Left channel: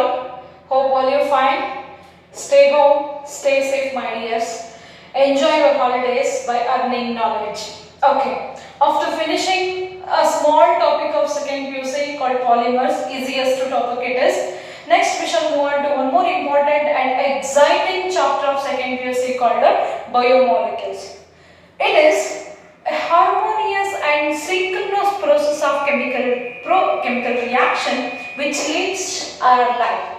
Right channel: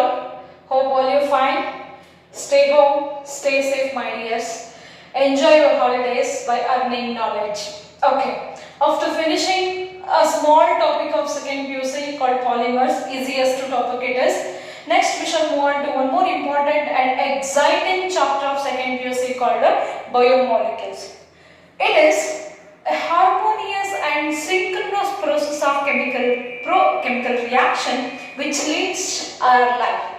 all. Hope all you fine. Stay home, stay safe, my dears. Enjoy your holidays by earning knowledge. Okay, after finishing a small topic of second PUC called polymers, easiest topic it is. Next we shall move on to one more important and exciting chapter of second PUC called biomolecules. It is a harmonious and synchronous process of chemical reaction which leads our life.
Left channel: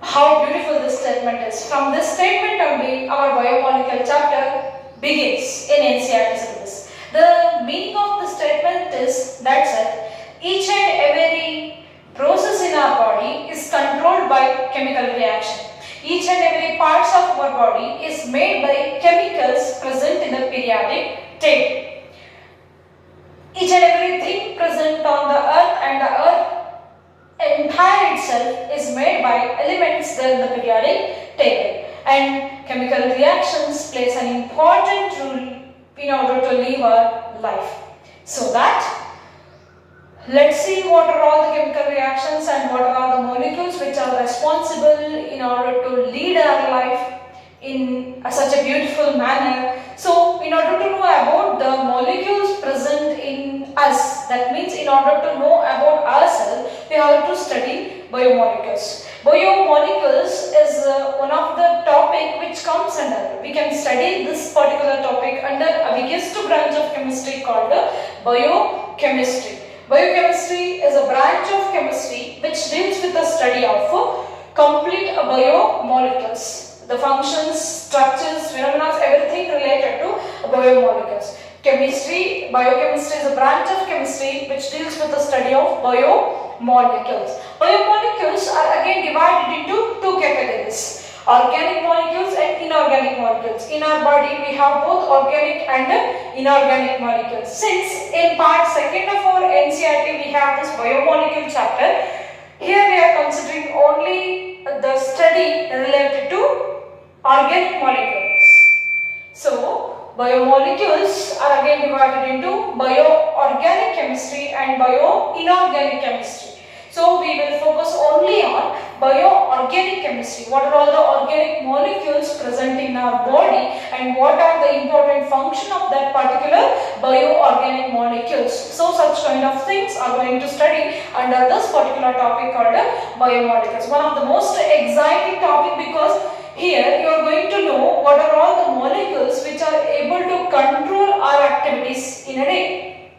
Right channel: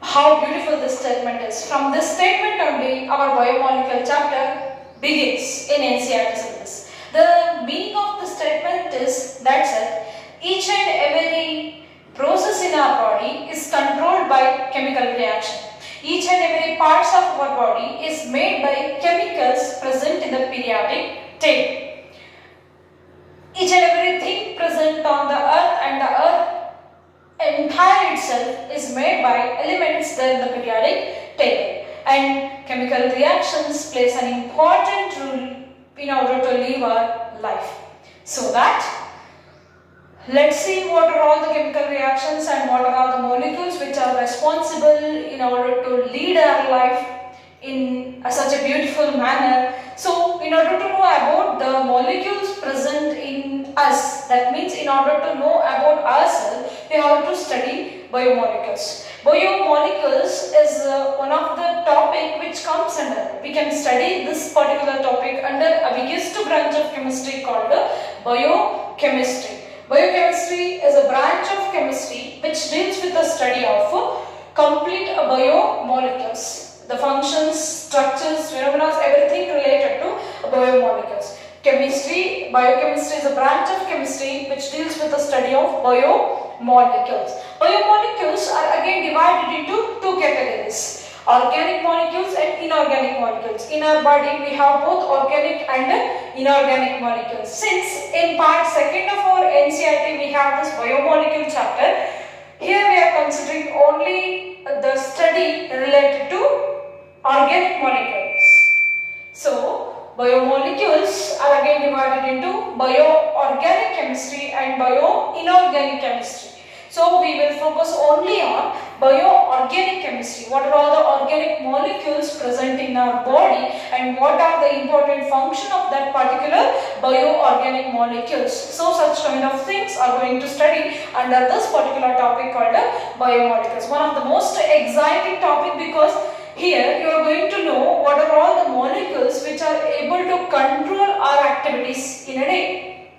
How beautiful this statement is. From this statement only our biomolecule chapter begins in NCERT syllabus. The meaning of the statement is that each and every process in our body is controlled by chemical reaction. Each and every parts of our body is made by chemicals present in the periodic table. Each and everything present on the earth and the earth entire itself is made by elements there in the periodic table, and chemical reactions plays an important role in order to live our life. So that let's see what are all the chemical reactions and what are all the molecules which are responsible in order to lead our life in such a beautiful manner. So in order to know about the molecules present in us, that means in order to know about ourselves, we have to study biomolecules. Biomolecules is one of the topic which comes under, we can study this particular topic under a biggest branch of chemistry called biochemistry. Biochemistry is a branch of chemistry which deals with the study of complete biomolecules. The functions, structures, phenomena, everything related to biomolecules. Biochemistry is a branch of chemistry which deals with the study of biomolecules. Biomolecules are again divided into two categories: organic molecules and inorganic molecules. In our body we have both organic and inorganic molecules. Since in part 2nd of our NCERT we have this biomolecule chapter, here we are considering only the study related to organic molecules. So biomolecules are again divided into bioorganic chemistry and bioinorganic chemistry. So we will focus only on bioorganic chemistry. What are all the organic molecules present in our body and what are the important function of that particular bioorganic molecules. So such kind of things are going to study under this particular topic called biomolecules. One of the most exciting topic because here you are going to know what are all the molecules which are able to control our activities in a day.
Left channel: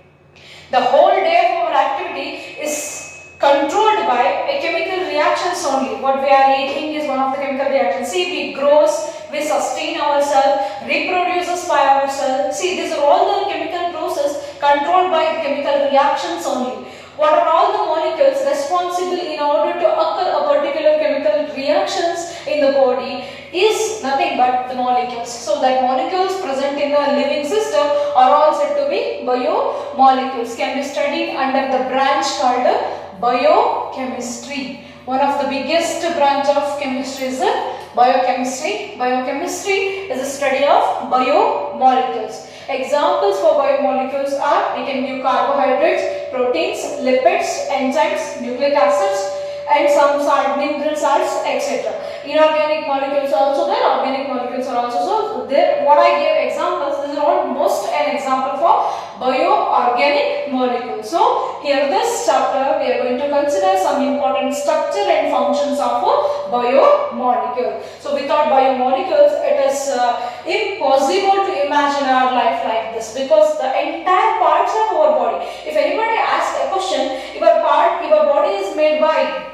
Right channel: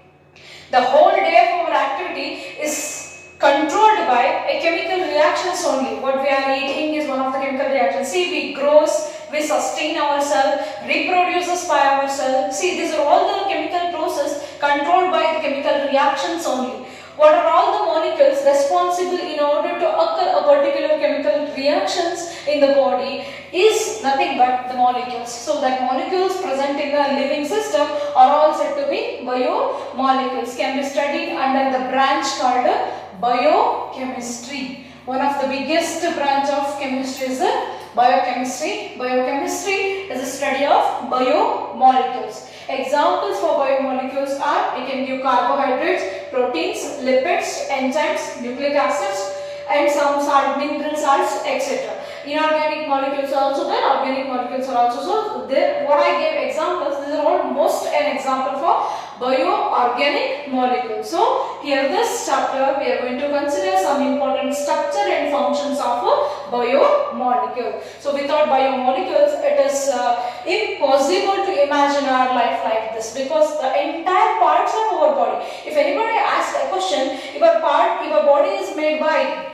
The whole day of our activity is controlled by a chemical reactions only. What we are eating is one of the chemical reactions. See, we grows, we sustain ourselves, reproduces by ourselves. See, these are all the chemical process controlled by the chemical reactions only. What are all the molecules responsible in order to occur a particular chemical reactions in the body is nothing but the molecules. So that molecules present in the living system are all said to be biomolecules. Can be studied under the branch called biochemistry. One of the biggest branch of chemistry is biochemistry. Biochemistry is a study of biomolecules. Examples for biomolecules are, we can give carbohydrates, proteins, lipids, enzymes, nucleic acids, and some salt, mineral salts, etc. Inorganic molecules are also there, organic molecules are also there. What I gave examples, this is almost an example for bioorganic molecules. So here this chapter we are going to consider some important structure and functions of a biomolecule. So without biomolecules it is impossible to imagine our life like this, because the entire parts of our body, if anybody asks a question, your body is made by,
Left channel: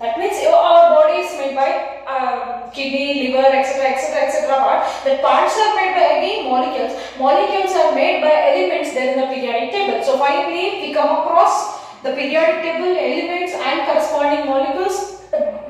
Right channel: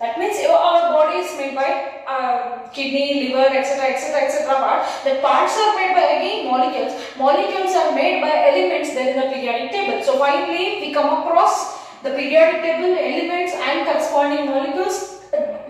that means our body is made by kidney, liver, etc., etc., etc. The parts are made by again molecules. Molecules are made by elements there in the periodic table. So finally we come across the periodic table elements and corresponding molecules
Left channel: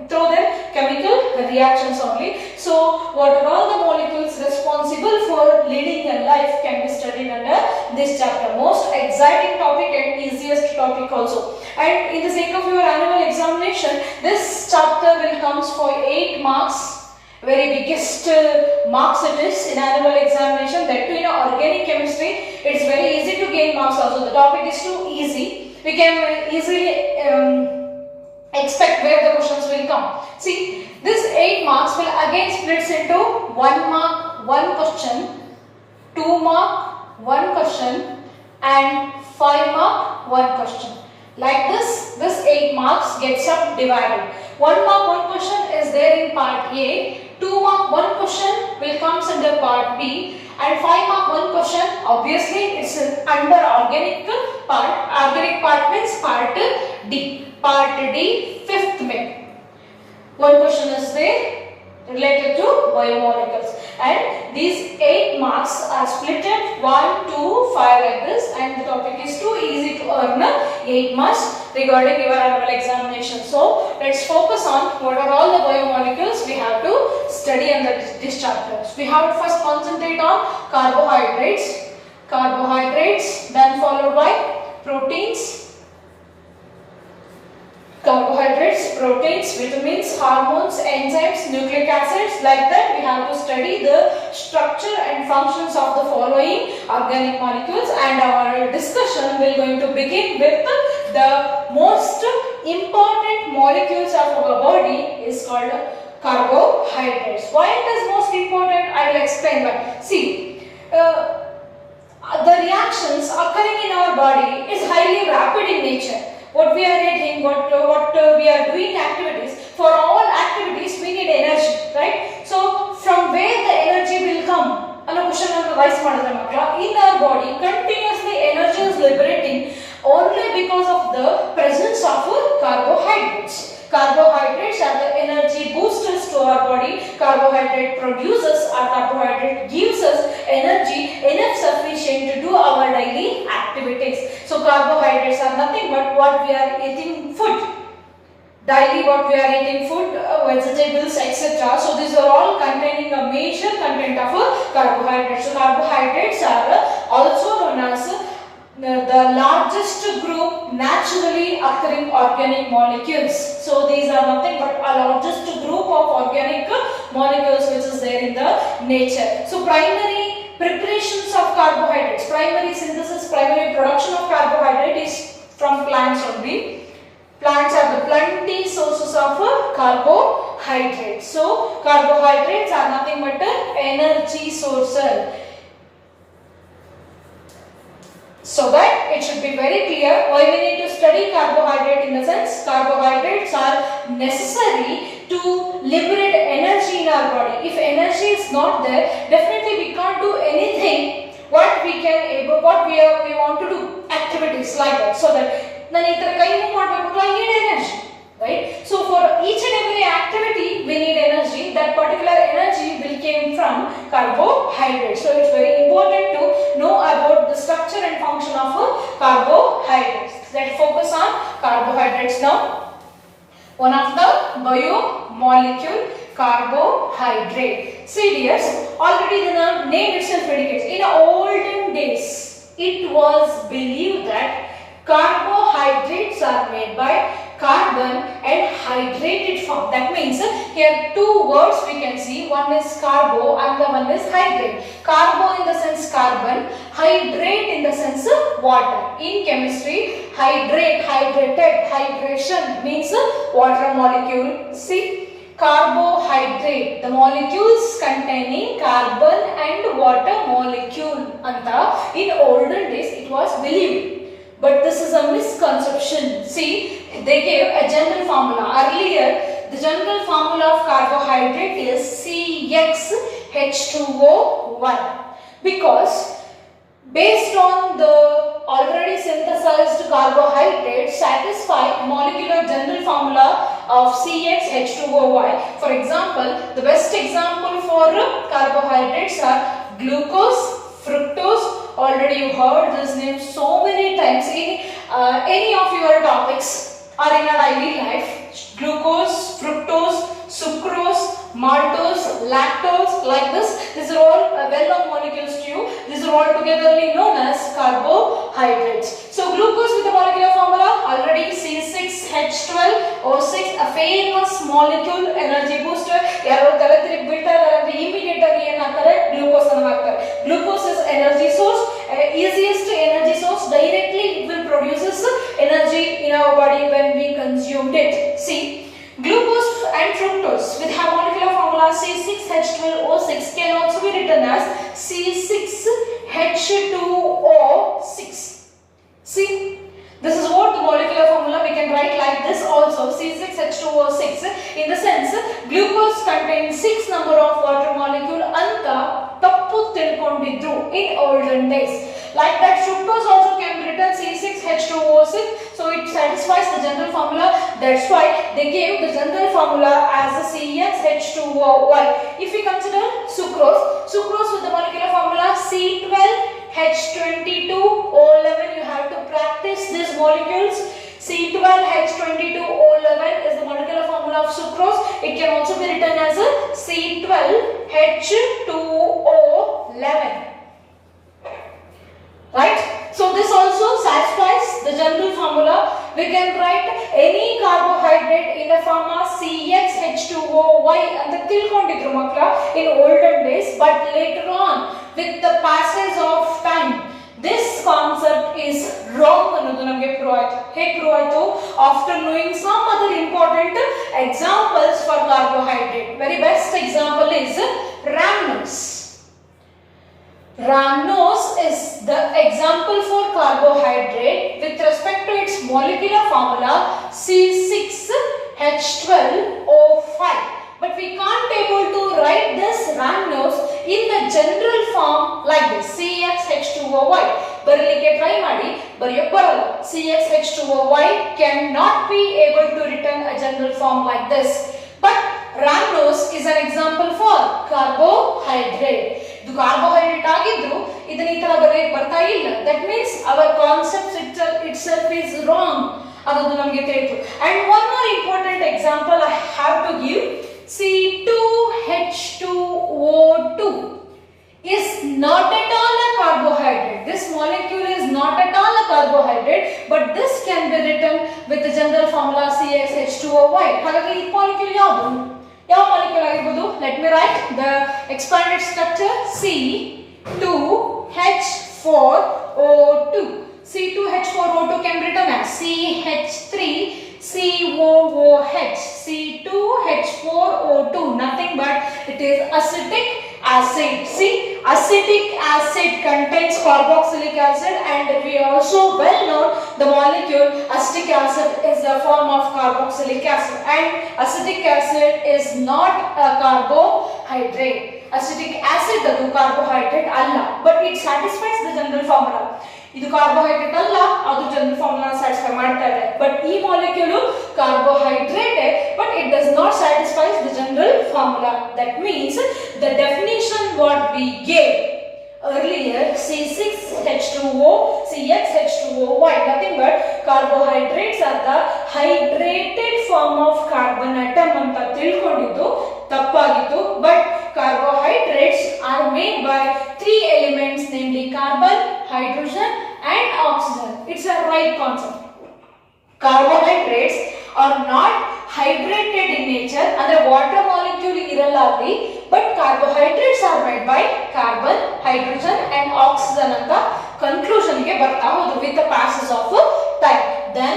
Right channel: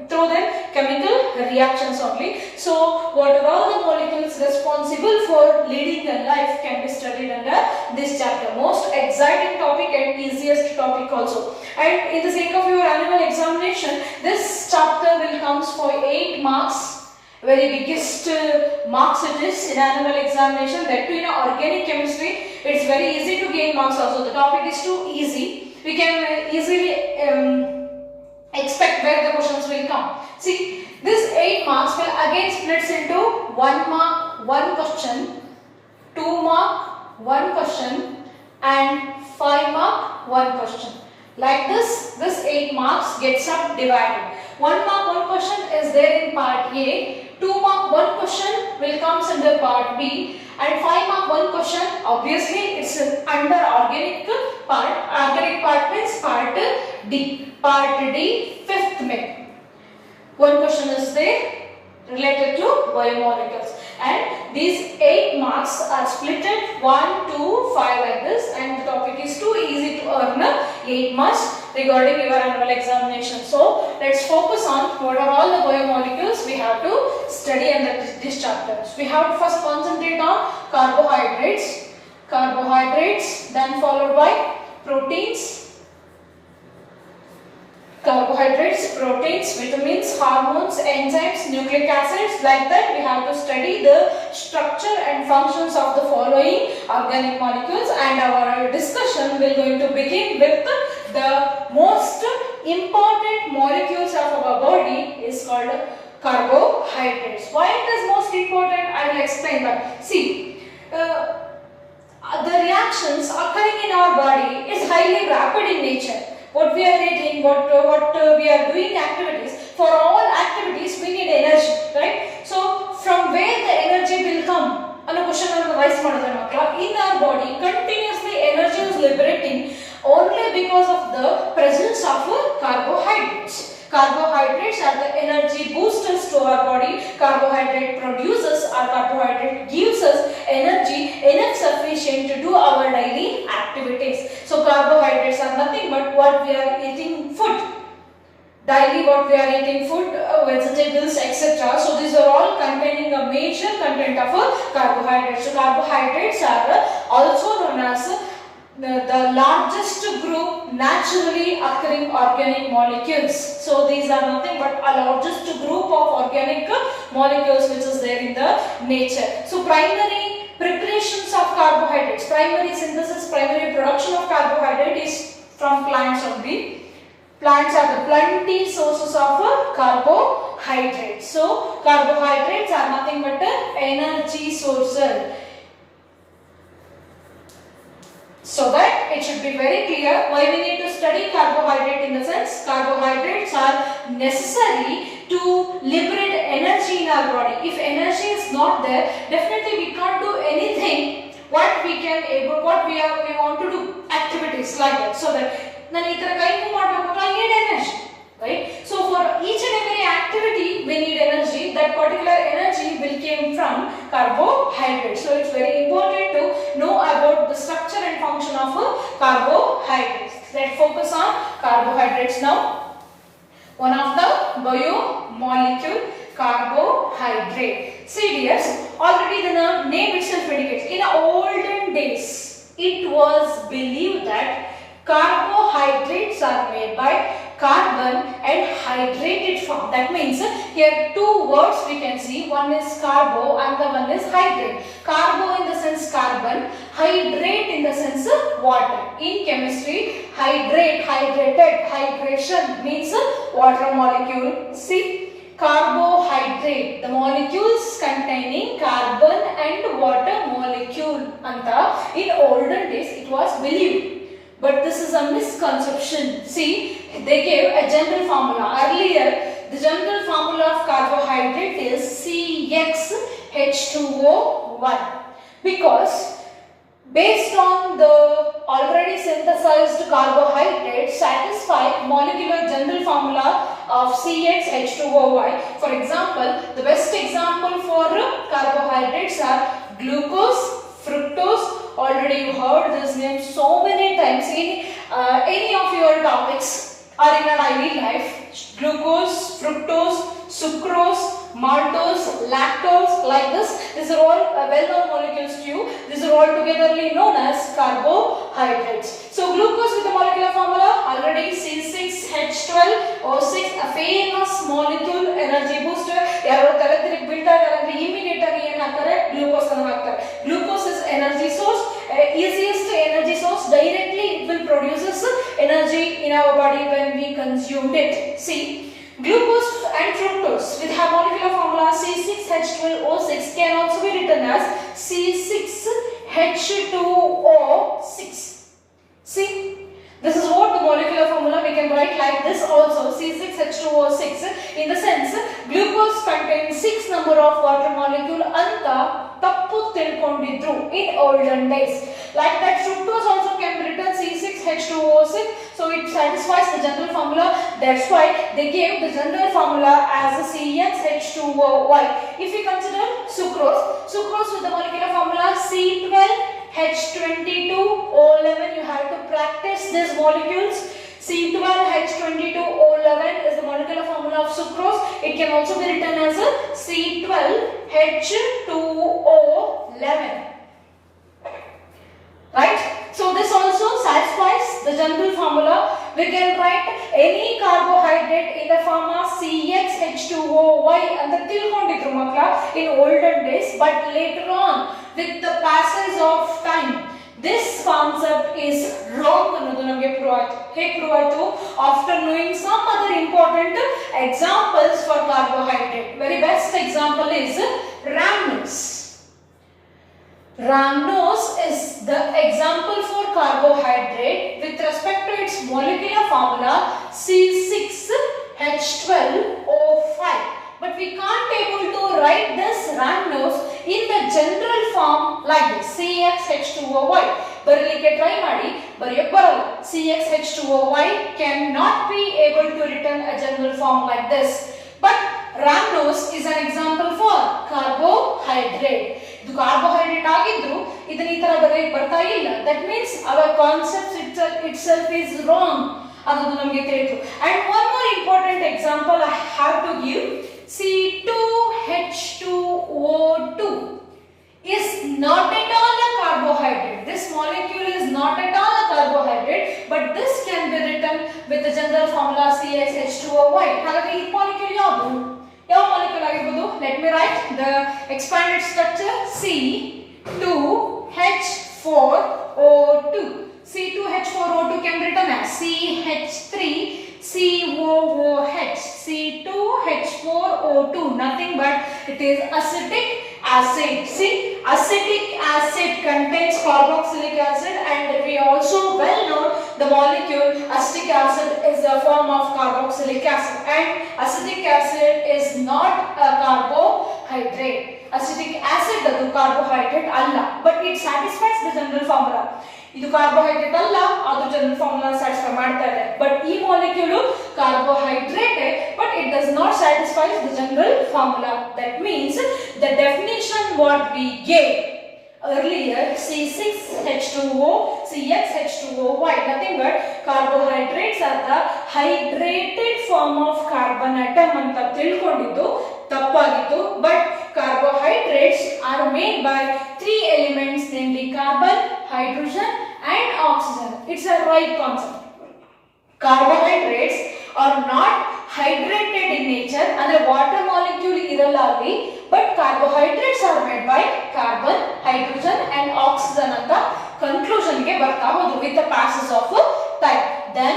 through them chemical reactions only. So what are all the molecules responsible for leading a life can be studied under this chapter. Most exciting topic and easiest topic also. And in the sake of your annual examination, this chapter will comes for 8 marks. Very biggest marks it is in annual examination. That too in organic chemistry, it is very easy to gain marks also. The topic is too easy. We can easily expect where the come. See, this 8 marks will again splits into 1 mark, 1 question, 2 mark, 1 question and 5 mark, 1 question. Like this 8 marks gets subdivided. 1 mark, 1 question is there in part A, 2 mark, 1 question will comes under part B and 5 mark, 1 question obviously it's under organic part. Organic part means part D. Part D, 5th mid. 1 question is there related to biomolecules and these 8 marks are splitted 1, 2, 5 like this and the topic is too easy to earn 8 marks regarding your annual examination. So let's focus on what are all the biomolecules we have to study in this chapter. We have to first concentrate on carbohydrates, then followed by proteins, proteins, vitamins, hormones, enzymes, nucleic acids. Like that we have to study the structure and functions of the following organic molecules and our discussion will going to begin with the most important molecules of our body is called carbohydrates. Why it is most important? I will explain that. See, the reactions occurring in our body is highly rapid in nature. What we are eating, what we are doing activities, for all activities we need energy, right? So from where the energy will come? Another question rise in our body continuously energy is liberating only because of the presence of carbohydrates. Carbohydrates are the energy boosters to our body. Carbohydrate produces or carbohydrate gives us energy enough sufficient to do our daily activities. So carbohydrates are nothing but what we are eating food. Daily what we are eating food, vegetables, etc. So these are all containing a major content of carbohydrates. So carbohydrates are also known as the largest group naturally occurring organic molecules. So these are nothing but a largest group of organic molecules which is there in the nature. So primary preparations of carbohydrates, primary synthesis, primary production of carbohydrate is from plants only. Plants are the plenty sources of carbohydrates. So carbohydrates are nothing but energy sources. So that it should be very clear why we need to study carbohydrate in the sense carbohydrates are necessary to liberate energy in our body. If energy is not there, definitely we can't do anything what we want to do activities like that. So that I need energy, right? So for each and every activity we need energy. That particular energy will come from carbohydrates. So it's very important to know about the structure and function of carbohydrates. Let's focus on carbohydrates now. One of the biomolecule, carbohydrate. See dears, already the name itself indicates. In olden days, it was believed that carbohydrates are made by carbon and hydrated form. That means here two words we can see. One is carbo and the one is hydrate. Carbo in the sense carbon, hydrate in the sense water. In chemistry, hydrated, hydration means water molecule. See, carbohydrate, the molecules containing carbon and water molecule. Anta, in olden days it was believed. But this is a misconception. See, they gave a general formula. Earlier, the general formula of carbohydrate is CxH2O1. Because based on the already synthesized carbohydrate satisfy molecular general formula of CxH2O1. For example, the best example for carbohydrates are glucose, fructose. Already you heard this name so many times in any of your topics or in a daily life. Glucose, fructose, sucrose, maltose, lactose, like this. These are all well-known molecules to you. These are all togetherly known as carbohydrates. So glucose with the molecular formula already C6H12O6, a famous molecule, energy booster. Glucose is energy source, easiest energy source. Directly it will produce energy in our body when we consumed it. See, glucose C6H2O6. See, this is what the molecular formula we can write like this also, C6H2O6. In the sense, glucose contains 6 number of water molecule anta tappu tilkondidru in olden days. Like that, fructose also can be written C6H2O6, so it satisfies the general formula. That's why they gave the general formula as a CXH2OY. If we consider sucrose with the molecular formula C12H22O11, you have to practice these molecules. C12H22O11 is the molecular formula of sucrose. It can also be written as a C12H2O11. Right? So this also satisfies the general formula. We can write any carbohydrate in the form of CXH2OY and the tilkondidru makla in olden days, but later on with the passage of time this concept is wrong ಅನ್ನೋದು ನಮಗೆ prove ಆಯ್ತು. ಹೇಗೆ prove ಆಯ್ತು? After knowing some other important examples for carbohydrate. Very best example is rhamnose. Rhamnose is the example for carbohydrate with respect to its molecular formula C6H12O5. But we can't able to write this rhamnose in the general form like this, CXH2OY. Baralike try ಮಾಡಿ ಬರೆಯಕ್ಕೆ ಬರಲ್ಲ. CXH2OY cannot be able to written a general form like this. But rhamnose is an example for carbohydrate. ಇದು carbohydrate ಆಗಿದ್ರು ಇದನ್ನ ಈ ತರ ಬರೆಯಕ್ಕೆ ಬರ್ತಾ ಇಲ್ಲ. That means our concept itself is wrong. ಅದು ನಮಗೆ ತಿಳಿತು. And one more important example I have to give. C2H2O2 is not at all a carbohydrate. This molecule is not at all a carbohydrate, but this can be written with the general formula CXH2OY. ಹಾಗಾಗಿ ಈ molecule ಯಾವುದು? ಯಾವ molecule ಆಗಿರಬಹುದು? Let me write the expanded structure C2H4O2. C2H4O2 can be written as CH3COOH. C2H4O2, nothing but it is acetic acid. See, acetic acid contains carboxylic acid, and we also well know the molecule acetic acid is a form of carboxylic acid, and acetic acid is not a carbohydrate. Acetic acid adu carbohydrate alla, but it satisfies the general formula. ಇದು carbohydrate ಅಲ್ಲ, ಅದು general formula satisfy ಮಾಡ್ತಾ ಇದೆ. But ಈ molecule carbohydrate, but it does not satisfy the general formula. That means the definition what we gave earlier, C6H2O, CXH2OY, nothing but carbohydrates are the hydrated form of carbon atom ಅಂತ ತಿಳ್ಕೊಂಡಿದ್ದು ತಪ್ಪಾಗಿತ್ತು. But carbohydrates are made by 3 elements, namely carbon, hydrogen and oxygen. It's a right concept. Carbohydrates are not hydrated in nature, ಅಂದ್ರೆ water molecule ಇರಲ್ಲ ಅಲ್ಲಿ, but carbohydrates are made by carbon, hydrogen and oxygen ಅಂತ conclusion ಗೆ ಬರ್ತಾ ಹೋದ್ರು with the passage of time. Then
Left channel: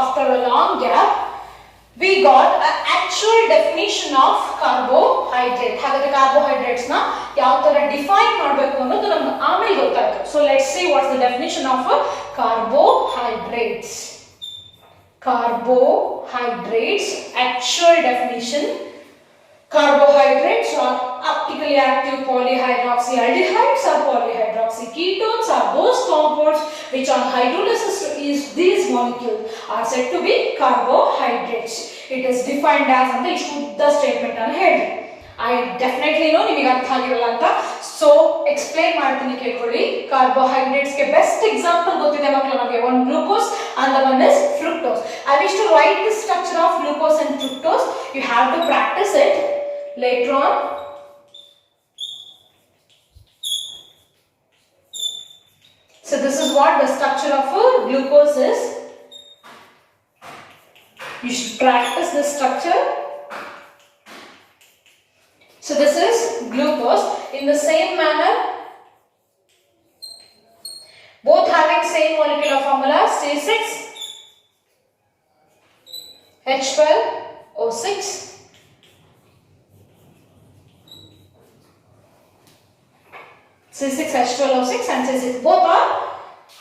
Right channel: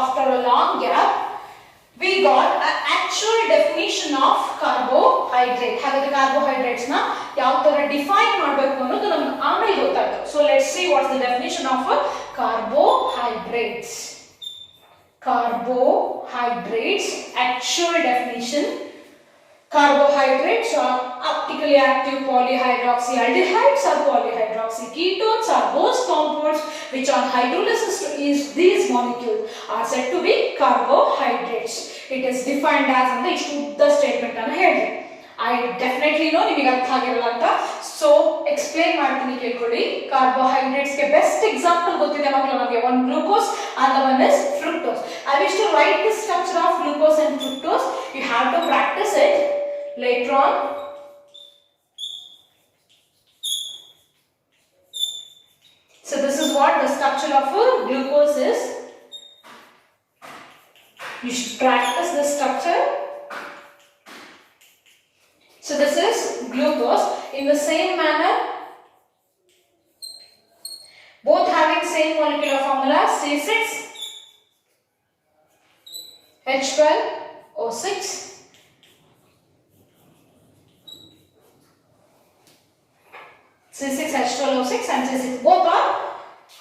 after a long gap we got an actual definition of carbohydrate. ಹಾಗಾದ್ರೆ carbohydrates ನ ಯಾವ ತರ ಡಿಫೈನ್ ಮಾಡಬೇಕು ಅನ್ನೋದು ನಮಗೆ ಆಮೇಲೆ ಗೊತ್ತಾಯ್ತು. So let's see what's the definition of carbohydrates. Carbohydrates, actual definition. Carbohydrates are optically active polyhydroxyaldehydes or polyhydroxyketones are those compounds which on hydrolysis to these molecules are said to be carbohydrates. It is defined as and the statement ಅನ್ನು ಹೇಳಿದೆ. I definitely know ನಿಮಗೆ ಅರ್ಥ ಆಗಿರಲ್ಲ ಅಂತ, so explain ಮಾಡ್ತೀನಿ ಕೇಳ್ಕೊಳ್ಳಿ. Carbohydrates ಗೆ best example ಗೊತ್ತಿದೆ ಮಕ್ಕಳು ನಮಗೆ, one glucose and the one is fructose. I wish to write the structure of glucose and fructose. You have to practice it later on. So this is what the structure of glucose is. You should practice this structure. So this is glucose. In the same manner, both having same molecular formula C6H12O6. and C6. Both are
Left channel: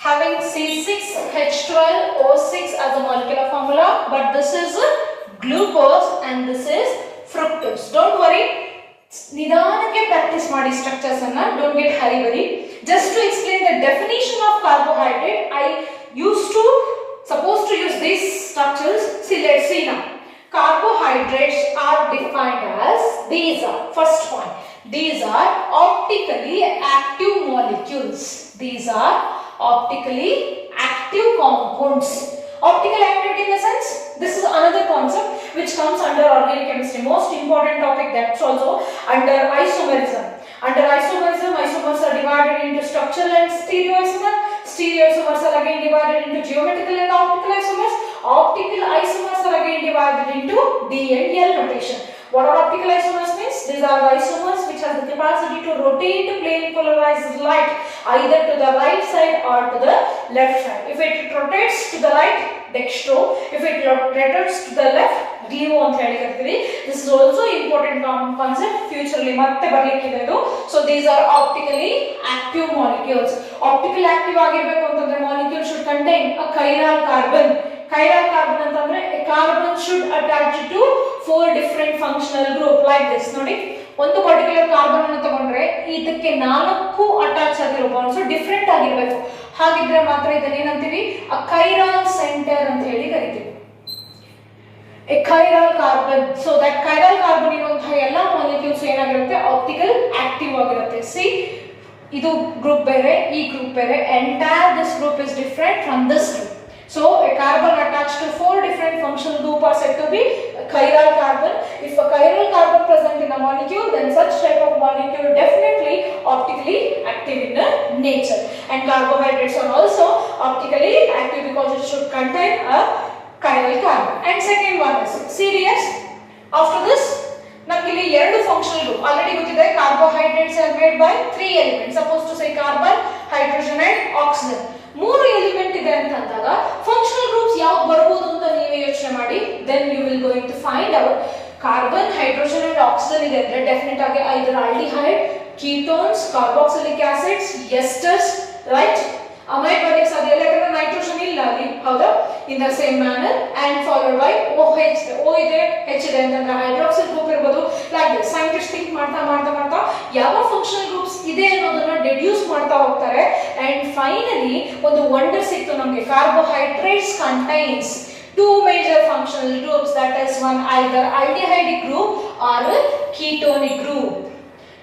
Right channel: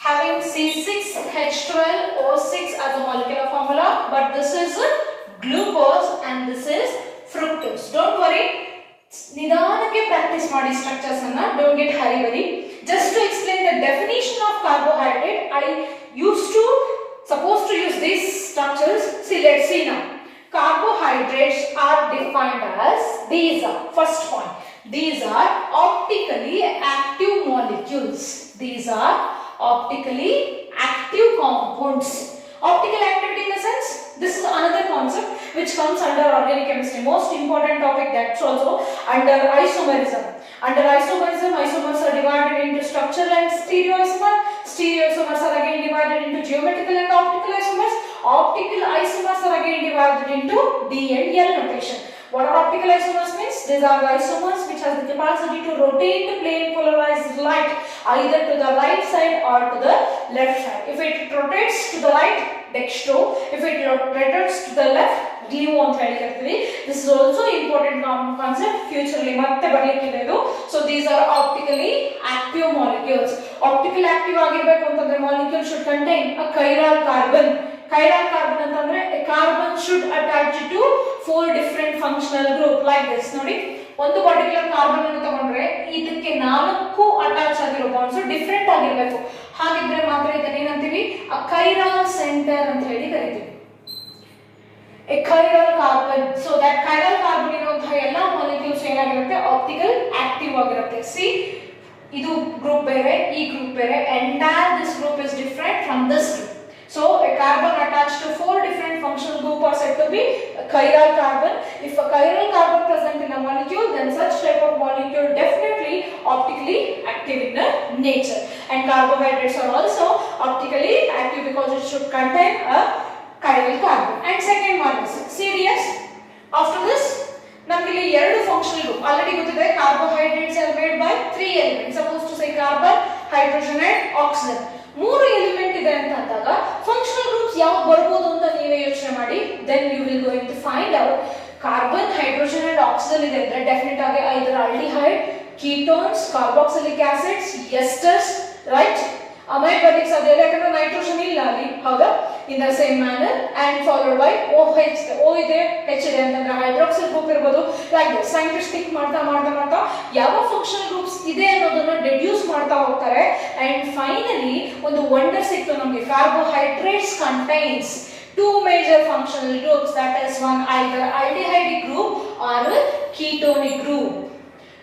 having C6H12O6 as a molecular formula, but this is glucose and this is fructose. Don't worry. ನಿಧಾನಕ್ಕೆ practice ಮಾಡಿ structures ಅನ್ನ, don't get hurry burry. Just to explain the definition of carbohydrate, I use to supposed to use these structures. See, let's see now. Carbohydrates are defined as, these are, first point, these are optically active molecules. These are optically active compounds. Optical activity in the sense, this is another concept which comes under organic chemistry. Most important topic, that's also under isomerism. Under isomerism, isomers are divided into structural and stereoisomer. Stereoisomers are again divided into geometrical and optical isomers. Optical isomers are again divided into D and L notation. What are optical isomers means? These are the isomers which have the capacity to rotate plane polarized light either to the right side or to the left side. If it rotates to the right, dextro. If it rotates to the left, gluo ಅಂತ ಹೇಳಿರ್ತೀವಿ. This is also important concept. Future ಅಲ್ಲಿ ಮತ್ತೆ ಬರಲಿಕ್ಕಿದೆ ಇದು. So these are optically active molecules. Optical active ಆಗಿರಬೇಕು ಅಂತಂದ್ರೆ molecule should contain a chiral carbon. Chiral carbon ಅಂತಂದ್ರೆ a carbon should attach to 4 different functional group like this. ನೋಡಿ, ಒಂದು particular carbon ಅನ್ನು ತಗೊಂಡ್ರೆ ಇದಕ್ಕೆ 4 ಅಟ್ಯಾಚ್ ಆಗಿರೋ ಬಾಂಡ್ಸ್ ಡಿಫರೆಂಟ್ ಆಗಿರಬೇಕು. ಹಾಗಿದ್ರೆ ಮಾತ್ರ ಇದನ್ನ ಏನಂತೀವಿ? a chiral center ಅಂತ ಹೇಳಿ ಕರಿತೀವಿ. a chiral carbon. So that chiral carbon ಇರುವಂತಹ ಎಲ್ಲಾ ಮಾಲಿಕ್ಯೂಲ್ಸ್ ಏನಾಗಿರುತ್ತೆ? ಆಪ್ಟಿಕಲ್ ಆಕ್ಟಿವ್ ಆಗಿರುತ್ತೆ. See, ಇದು ಗ್ರೂಪ್ ಬೇರೆ, ಈ ಗ್ರೂಪ್ ಬೇರೆ. Entire this group is different from this group. So a carbon attached to 4 different functional groups are said to be a chiral carbon. If a chiral carbon present in a molecule, then such type of molecule definitely optically active in the nature. And carbohydrates are also optically active because it should contain a chiral carbon. And second one is CDS. After this, ನಮಗೆ ಇಲ್ಲಿ ಎರಡು functional group already ಗೊತ್ತಿದೆ. Carbohydrates are made by 3 elements. Suppose to say carbon, hydrogen and oxygen. 3 element ಇದೆ ಅಂತ ಅಂದಾಗ functional groups ಯಾವ್ದು ಬರಬಹುದು ಅಂತ ನೀವೇ ಯೋಚನೆ ಮಾಡಿ. Then you will going to find out carbon, hydrogen and oxygen ಇದೆ ಅಂದ್ರೆ ಡೆಫಿನೆಟ್ ಆಗಿ either aldehyde, ketones, carboxylic acids, esters, right? ಅಮೈಬಾರಿಕ್ಸ್ ಅದೆಲ್ಲ ಯಾಕಂದ್ರೆ ನೈಟ್ರೋಜನ್ ಇಲ್ಲ ಅಲ್ಲಿ, ಹೌದಾ? In the same manner and followed by OH. O ಇದೆ, H ಇದೆ ಅಂತಂದ್ರೆ ಹೈಡ್ರಾಕ್ಸಿಲ್ ಗ್ರೂಪ್ ಇರಬಹುದು. ಲೈಕ್ ದಿಸ್ ಸೈಂಟಿಸ್ಟ್ ಥಿಂಕ್ ಮಾಡ್ತಾ ಮಾಡ್ತಾ ಮಾಡ್ತಾ ಯಾವ ಫಂಕ್ಷನಲ್ ಗ್ರೂಪ್ಸ್ ಇದೆ ಅನ್ನೋದನ್ನ ಡೆಡ್ಯೂಸ್ ಮಾಡ್ತಾ ಹೋಗ್ತಾರೆ. ಅಂಡ್ ಫೈನಲಿ ಒಂದು ವಂಡರ್ ಸಿಕ್ತು ನಮಗೆ. Carbohydrates contains 2 major functional groups, that is one either aldehydic group or ketonic group.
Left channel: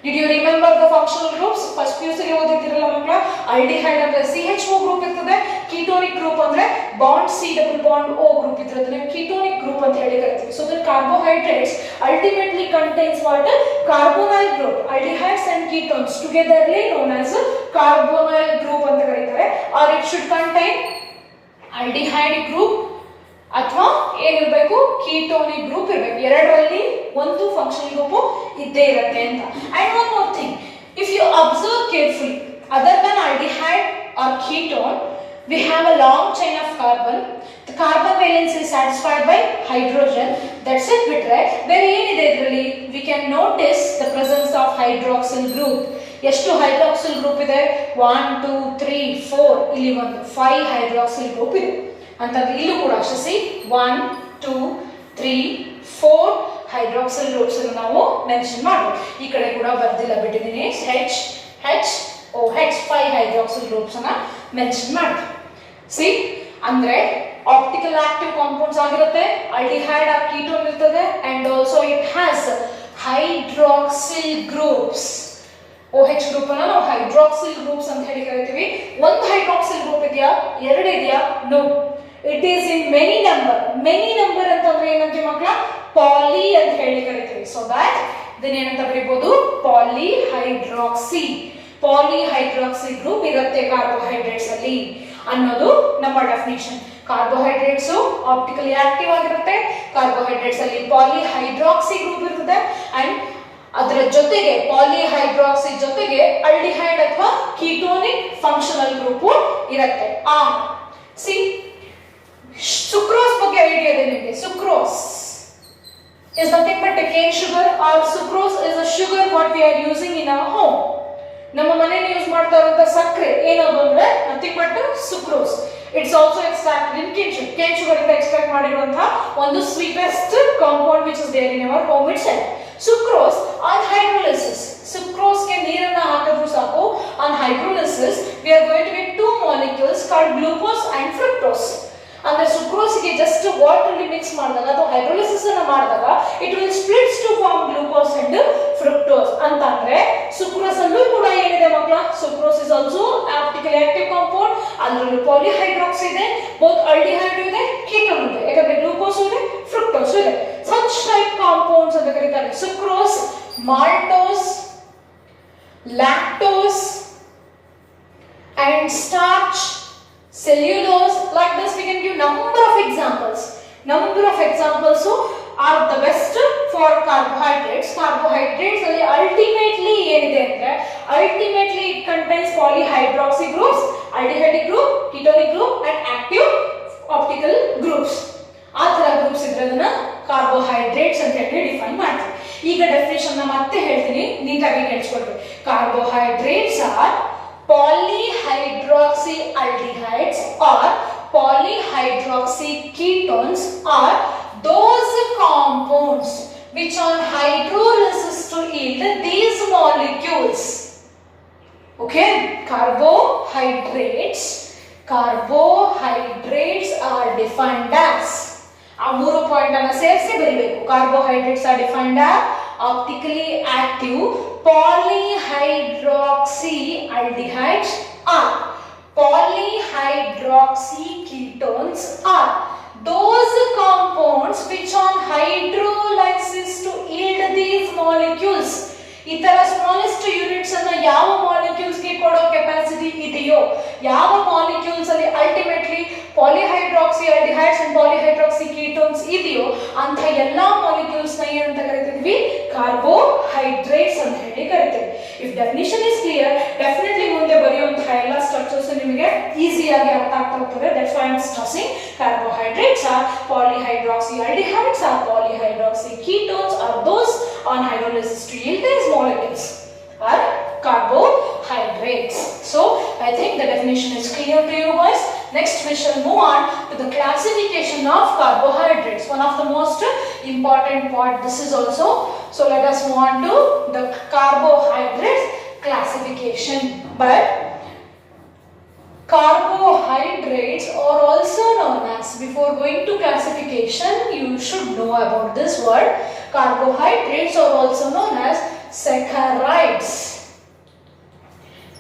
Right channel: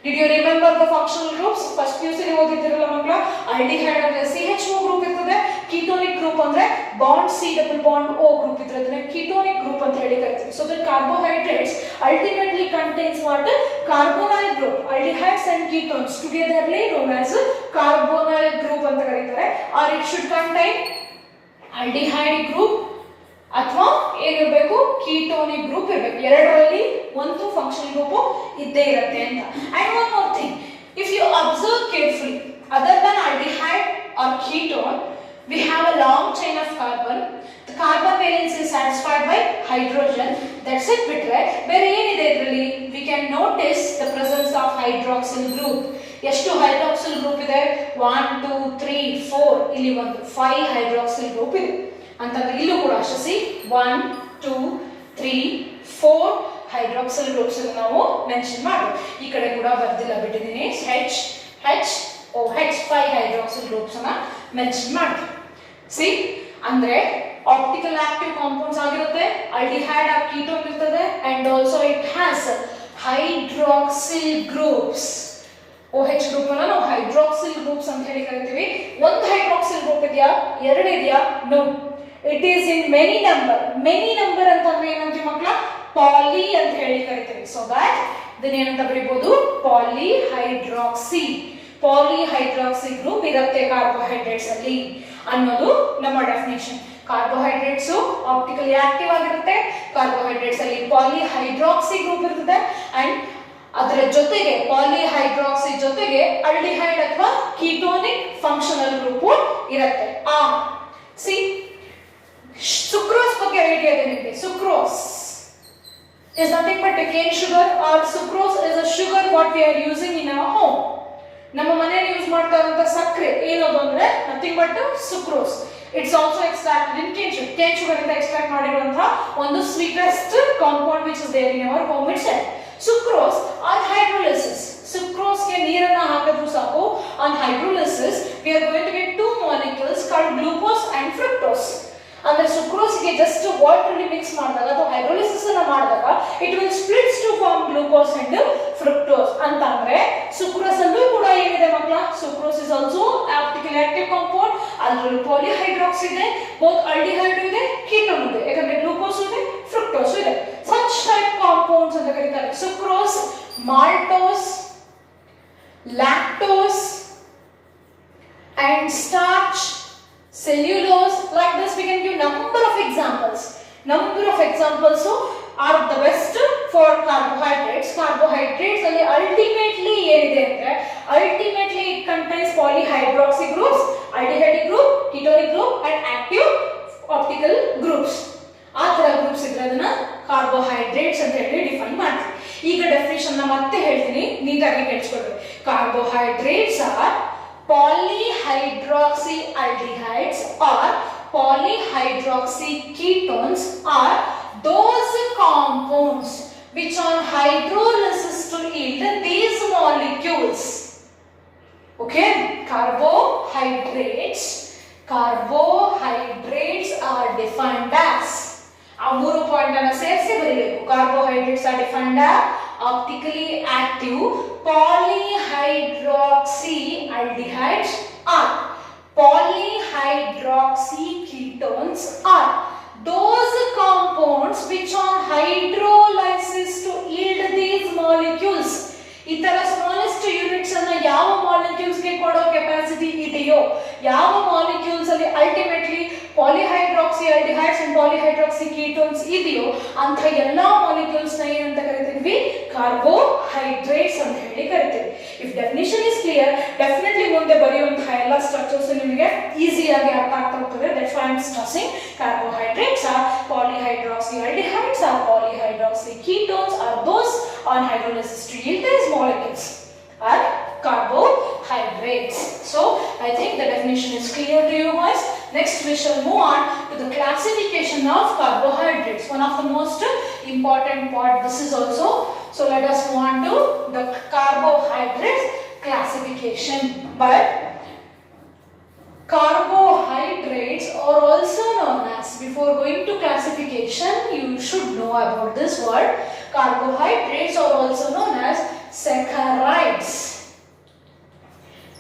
Did you remember the functional groups? First PUC ಅಲ್ಲಿ ಓದಿದ್ರಲ್ಲ ಮಕ್ಕಳ. aldehyde ಅಂದ್ರೆ CHO group ಇರ್ತದೆ, ketonic group ಅಂದ್ರೆ bond C double bond O group ಇರ್ತದೆ, ketonic group ಅಂತ ಹೇಳಿ ಕರೀತೀವಿ. So the carbohydrates ultimately contains what? Carbonyl group. Aldehydes and ketones togetherly known as carbonyl group ಅಂತ ಕರೀತಾರೆ. Or it should contain aldehyde group ಅಥವಾ ಏನಿರಬೇಕು? ಕೀಟೋನಿಕ್ group ಇರಬೇಕು. ಎರಡರಲ್ಲಿ ಒಂದು ಫಂಕ್ಷನಲ್ ಗ್ರೂಪ್ ಇದ್ದೇ ಇರುತ್ತೆ ಅಂತ. And one more thing, if you observe carefully, other than aldehyde or ketone, we have a long chain of carbon. The carbon valence is satisfied by hydrogen. That's it bitre. ಬೇರೆ ಏನಿದೆ ಇದರಲ್ಲಿ? We can notice the presence of hydroxyl group. ಎಷ್ಟು hydroxyl group ಇದೆ? 1 2 3 4. ಇಲ್ಲಿ ಒಂದು 5 hydroxyl group ಇದೆ ಅಂತಂದ್ರೆ ಇಲ್ಲೂ ಕೂಡ ಅಷ್ಟೇ. 1 2 3 4 ಹೈಡ್ರಾಕ್ಸಿಲ್ ಗ್ರೂಪ್ಸ್ ಅನ್ನು ನಾವು ಮೆನ್ಷನ್ ಮಾಡಬಹುದು. ಈ ಕಡೆ ಕೂಡ ಬರ್ದಿಲ್ಲ ಬಿಟ್ಟಿದ್ದೀನಿ. HOH 5 ಹೈಡ್ರಾಕ್ಸಿಲ್ ಗ್ರೂಪ್ಸ್ ಅನ್ನ ಮೆನ್ಷನ್ ಮಾಡ್ತೀವಿ. ಸಿ ಅಂದ್ರೆ ಆಪ್ಟಿಕಲ್ ಆಕ್ಟಿವ್ ಕಾಂಪೌಂಡ್ಸ್ ಆಗಿರುತ್ತೆ. ಆಲ್ಡಿಹೈಡ್ ಆರ್ ಕೀಟೋನ್ ಇರ್ತದೆ and also it has hydroxyl groups. OH group ಅನ್ನ ನಾವು ಹೈಡ್ರಾಕ್ಸಿಲ್ ಗ್ರೂಪ್ಸ್ ಅಂತ ಹೇಳಿ ಕರಿತೀವಿ. ಒಂದು ಹೈಡ್ರಾಕ್ಸಿಲ್ ಗ್ರೂಪ್ ಇದೆಯಾ? ಎರಡು ಇದೆಯಾ? No, it is in many number. Many number ಅಂತಂದ್ರೆ ಏನಂತೀವಿ ಮಕ್ಕಳ? ಪಾಲಿ ಅಂತ ಹೇಳಿ ಕರಿತೀವಿ. ಸೊ ದಟ್ ಇದನ್ನ ಏನಂತ ಬರೀಬಹುದು? ಪಾಲಿಹೈಡ್ರಾಕ್ಸಿ. ಪಾಲಿಹೈಡ್ರಾಕ್ಸಿ ಗ್ರೂಪ್ ಇರುತ್ತೆ ಕಾರ್ಬೋಹೈಡ್ರೇಟ್ಸ್ ಅಲ್ಲಿ ಅನ್ನೋದು ನಮ್ಮ ಡೆಫಿನಿಷನ್. ಕಾರ್ಬೋಹೈಡ್ರೇಟ್ಸ್ ಆಪ್ಟಿಕಲಿ ಆಕ್ಟಿವ್ ಆಗಿರುತ್ತೆ. ಕಾರ್ಬೋಹೈಡ್ರೇಟ್ಸ್ ಅಲ್ಲಿ ಪಾಲಿಹೈಡ್ರಾಕ್ಸಿ ಗ್ರೂಪ್ ಇರುತ್ತೆ ಅಂಡ್ ಅದರ ಜೊತೆಗೆ ಪಾಲಿಹೈಡ್ರಾಕ್ಸಿ ಜೊತೆಗೆ ಆಲ್ಡಿಹೈಡ್ ಅಥವಾ ಕೀಟೋನಿಕ್ ಫಂಕ್ಷನಲ್ ಗ್ರೂಪ್ ಇರುತ್ತೆ. ಸಿ ಸುಕ್ರೋಸ್ ಬಗ್ಗೆ ಐಡಿಯಾ ಇದೆ ನಿಮಗೆ? Sucrose is nothing but a cane sugar, or sucrose is a sugar what we are using in our home. ನಮ್ಮ ಮನೆಯಲ್ಲಿ ಯೂಸ್ ಮಾಡ್ತಾ ಇರುವಂತ ಸಕ್ಕರೆ ಏನದು ಅಂದ್ರೆ nothing but sucrose. It's also extracted in cane sugar. Cane sugar ಇಂದ extract ಮಾಡಿರುವಂತಹ ಒಂದು sweetest compound which is there in our home itself. Sucrose on hydrolysis. ಸುಕ್ರೋಸ್ಗೆ ನೀರನ್ನ ಹಾಕಿದ್ರು ಸಾಕು. On hydrolysis we are going to get two molecules called glucose and fructose. ಅಂದ್ರೆ ಸುಕ್ರೋಸ್ಗೆ just water ಅಲ್ಲಿ ಮಿಕ್ಸ್ ಮಾಡಿದಾಗ ಅಥವಾ ಹೈಡ್ರೋಲಿಸಿಸ್ ಅನ್ನ ಮಾಡಿದಾಗ it will splits to form glucose and fructose. ಅಂತಂದ್ರೆ ಸುಕ್ರೋಸ್ ಅಲ್ಲೂ ಕೂಡ ಏನಿದೆ ಮಕ್ಕಳ, sucrose is also optically active compound. ಅದರಲ್ಲಿ ಪಾಲಿಹೈಡ್ರಾಕ್ಸ್ ಇದೆ, ಬೋತ್ ಆಲ್ಡಿಹೈಡ್ ಇದೆ, ಕೀಟೋನ್ ಇದೆ, ಯಾಕಂದ್ರೆ ಗ್ಲೂಕೋಸ್ ಇದೆ, ಫ್ರಕ್ಟೋಸ್ ಇದೆ. ಸಚ್ ಟೈಪ್ ಕಾಂಪೌಂಡ್ಸ್ ಅಂತ ಕರೀತಾರೆ. Sucrose, maltose, lactose and starch, cellulose. Like this we can give number of examples are the best for carbohydrates. Carbohydrates ಅಲ್ಲಿ ultimately ಏನಿದೆ ಅಂದ್ರೆ ultimately it contains polyhydroxy groups, aldehyde group, ketonic group and active optical groups. ಆ ತರ groups ಇದ್ರೆ ಅದನ್ನ carbohydrates ಅಂತ ಹೇಳಿ define ಮಾಡ್ತೀವಿ. ಈಗ ಡೆಫಿನಿಷನ್ ಮತ್ತೆ ಹೇಳ್ತೀನಿ, ನೀಟಾಗಿ ಕೇಳಿಸ್ಕೊಳ್ರಿ. Carbohydrates are polyhydroxy aldehydes or polyhydroxy ketones are those compounds which on hydrolysis to yield these molecules. Okay, carbohydrates are defined as ಆ ಮೂರು ಪಾಯಿಂಟ್ ಅನ್ನು ಸೇರಿಸಿ ಬರೀಬೇಕು. Carbohydrates are defined as optically active polyhydroxy aldehydes are polyhydroxy ketones are those compounds which on hydrolysis to yield these molecules. ಈ ತರ smallest units ಅನ್ನು ಯಾವ molecules ಗೆ ಕೊಡೋ ಕೆಪಾಸಿಟಿ ಇದೆಯೋ, ಯಾವ ಮಾಲಿಕ್ಯೂಲ್ಸ್ ಅಲ್ಲಿ ಅಲ್ಟಿಮೇಟ್ಲಿ ಪಾಲಿಹೈಡ್ರಾಕ್ಸಿ ಆಲ್ಡಿಹೈಡ್ಸ್ ಅಂಡ್ ಪಾಲಿಹೈಡ್ರಾಕ್ಸಿ ಕೀಟೋನ್ಸ್ ಇದೆಯೋ ಅಂತ ಎಲ್ಲಾ ಮಾಲಿಕ್ಯೂಲ್ಸ್ ನ ಏನಂತ ಕರಿತೀವಿ, ಕಾರ್ಬೋಹೈಡ್ರೇಟ್ಸ್ ಅಂತ ಹೇಳಿ ಕರಿತೀವಿ. If definition is clear, definitely ಮುಂದೆ ಬರೆಯುವಂತಹ ಎಲ್ಲ ಸ್ಟ್ರಕ್ಚರ್ಸ್ ನಿಮಗೆ ಈಸಿಯಾಗಿ ಅರ್ಥ ಆಗ್ತಾ ಹೋಗ್ತದೆ. That's why I am stressing carbohydrates are polyhydroxy aldehydes are polyhydroxy ketones are those on hydrolysis to yield these molecules are carbohydrates. So I think the definition is clear to you guys. Next we shall move on to the classification of carbohydrates, one of the most important part this is also. So let us move on to the carbohydrates classification. But carbohydrates are also known as, before going to classification you should know about this word, carbohydrates are also known as saccharides.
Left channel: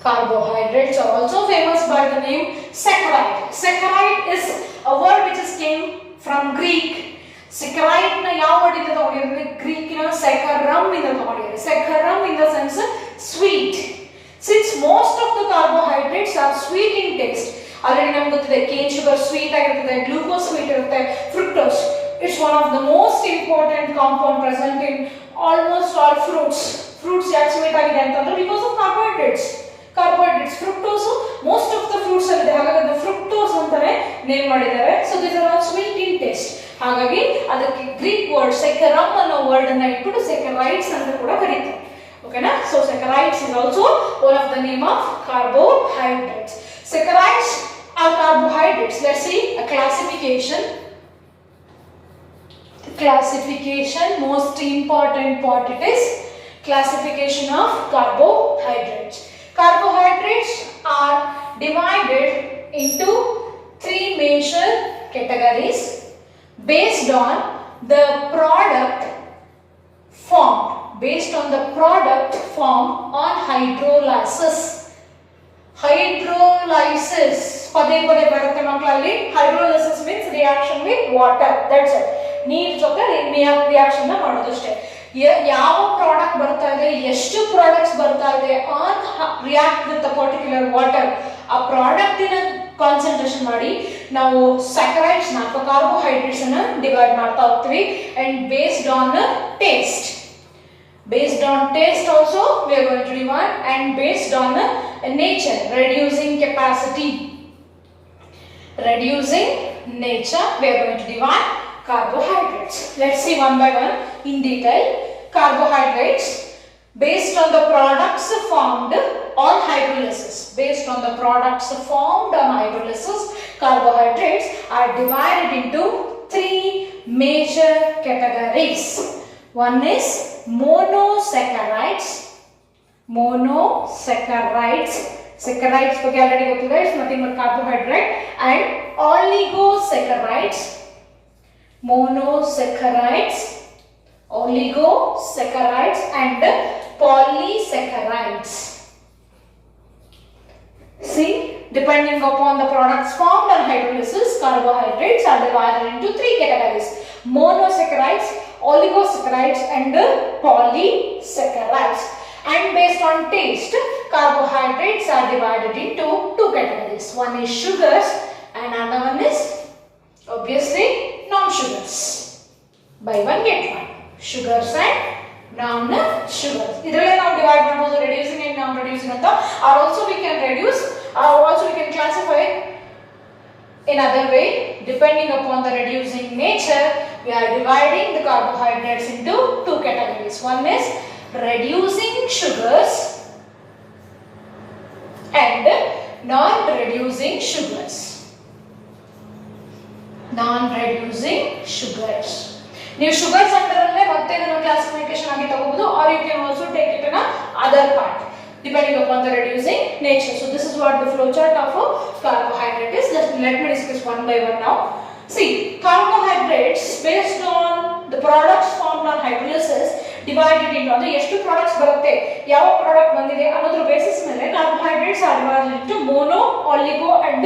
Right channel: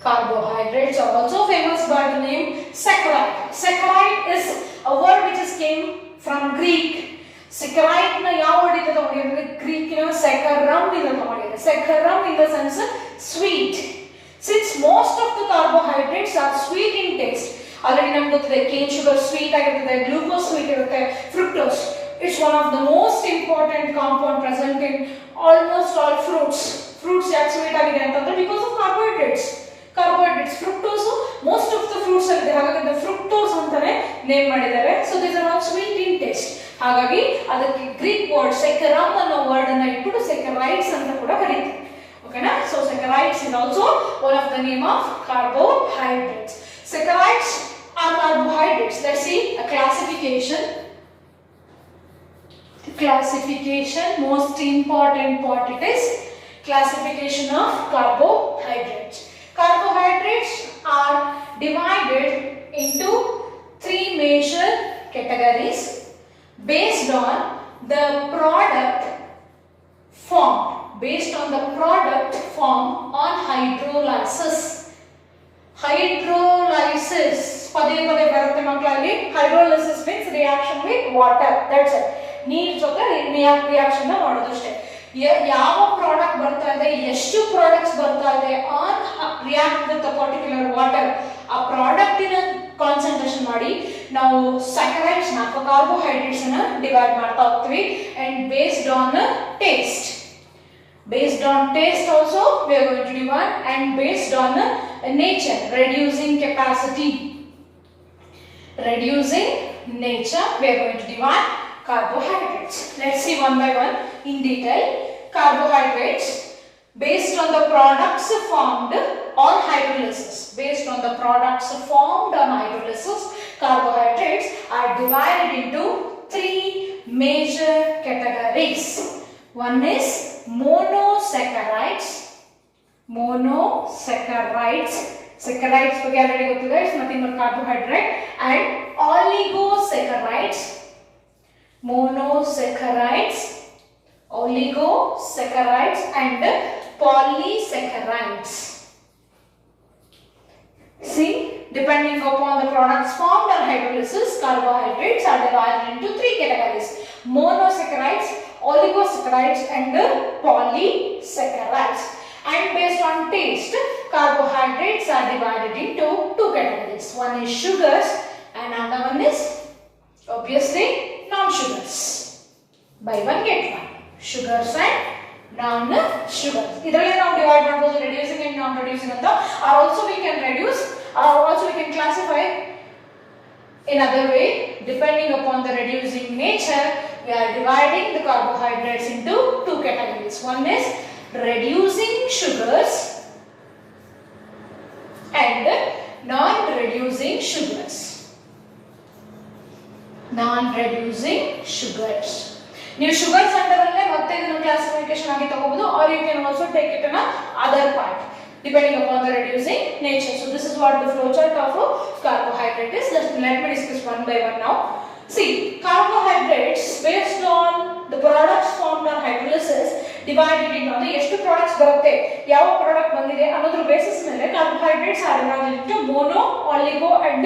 Carbohydrates are also famous by the name saccharide. Saccharide is a word which is came from Greek. Saccharide na yav word inda tagondire, Greek na saccharum inda tagondire. Saccharum in the sense sweet. Since most of the carbohydrates are sweet in taste, already namage gottide cane sugar sweet ಆಗಿರುತ್ತದೆ, glucose sweet ಇರುತ್ತೆ, fructose. It's one of the most important compound present in almost all fruits. Fruits ಯಾಕೆ sweet ಆಗಿದೆ ಅಂತಂದ್ರೆ because of carbohydrates. Fructose most of the fruits ಅಲ್ಲಿ ಇದೆ, ಹಾಗಾಗಿ ಅದು fructose ಅಂತಾನೆ ನೇಮ್ ಮಾಡಿದ್ದಾರೆ. So these are all sweet in taste. ಹಾಗಾಗಿ ಅದಕ್ಕೆ ಗ್ರೀಕ್ ವರ್ಡ್ saccharum ಅನ್ನೋ ವರ್ಡ್ ಅನ್ನ ಇಟ್ಬಿಟ್ಟು saccharides ಅಂತ ಕೂಡ ಕರೀತಾರೆ. Okay na? So saccharides is also one of the name of carbohydrates. Saccharides are carbohydrates. Let's see a classification. Most important part it is classification of carbohydrates. Carbohydrates are divided into three major categories based on the product formed. Based on the product formed on hydrolysis. Hydrolysis ಪದೇ ಪದೇ ಬರುತ್ತೆ ಮಕ್ಕಳಲ್ಲಿ. Hydrolysis means reaction with water. That's it. ನೀರು ಜೊತೆ reaction ಮಾಡೋದಷ್ಟೇ. ಯಾವ product ಬರ್ತಾ ಇದೆ, ಎಷ್ಟು ಪ್ರಾಡಕ್ಟ್ಸ್ ಬರ್ತಾ ಇದೆ on react with a particular water, ಆ ಪ್ರಾಡಕ್ಟಿನ ಕಾನ್ಸಂಟ್ರೇಷನ್ ಮಾಡಿ ನಾವು ಸ್ಯಾಕರೈಡ್ಸ್ ನ ಅಥವಾ ಕಾರ್ಬೋಹೈಡ್ರೇಟ್ಸ್ ಅನ್ನ ಡಿವೈಡ್ ಮಾಡ್ತಾ ಹೋಗ್ತೀವಿ. And based on taste. Based on taste also we are going to divide, and based on nature, reducing nature we are going to divide carbohydrates. Let's see one by one in detail. Carbohydrates, based on the products formed on hydrolysis. Based on the products formed on hydrolysis, carbohydrates are divided into three major categories. One is monosaccharides. Saccharides is nothing but carbohydrate, and oligosaccharides. Monosaccharides, oligosaccharides, and polysaccharides. See, depending upon the products formed on hydrolysis, carbohydrates are divided into three categories: monosaccharides, oligosaccharides, and polysaccharides. And based on taste, carbohydrates are divided into two categories. One is sugars and another one is obviously non-sugars. Buy one get one. Sugars and non-sugars. Idrille now divide ಮಾಡಬಹುದು reducing and non-reducing ಅಂತ. Or also we can reduce, or also we can classify in other way. Depending upon the reducing nature, we are dividing the carbohydrates into two categories. One is reducing sugars and non-reducing sugars. Non-reducing sugars. You sugars under classification or you can also take it in other part depending upon the reducing nature. So this is what the flowchart of a carbohydrate is. Let me discuss one by one now. See, carbohydrates based on the products formed on hydrolysis divided into ಎಷ್ಟು products ಬರುತ್ತೆ, ಯಾವ product ಬಂದಿದೆ ಅನ್ನೋದ್ರ basis ಮೇಲೆ carbohydrates are divided into mono, oligo and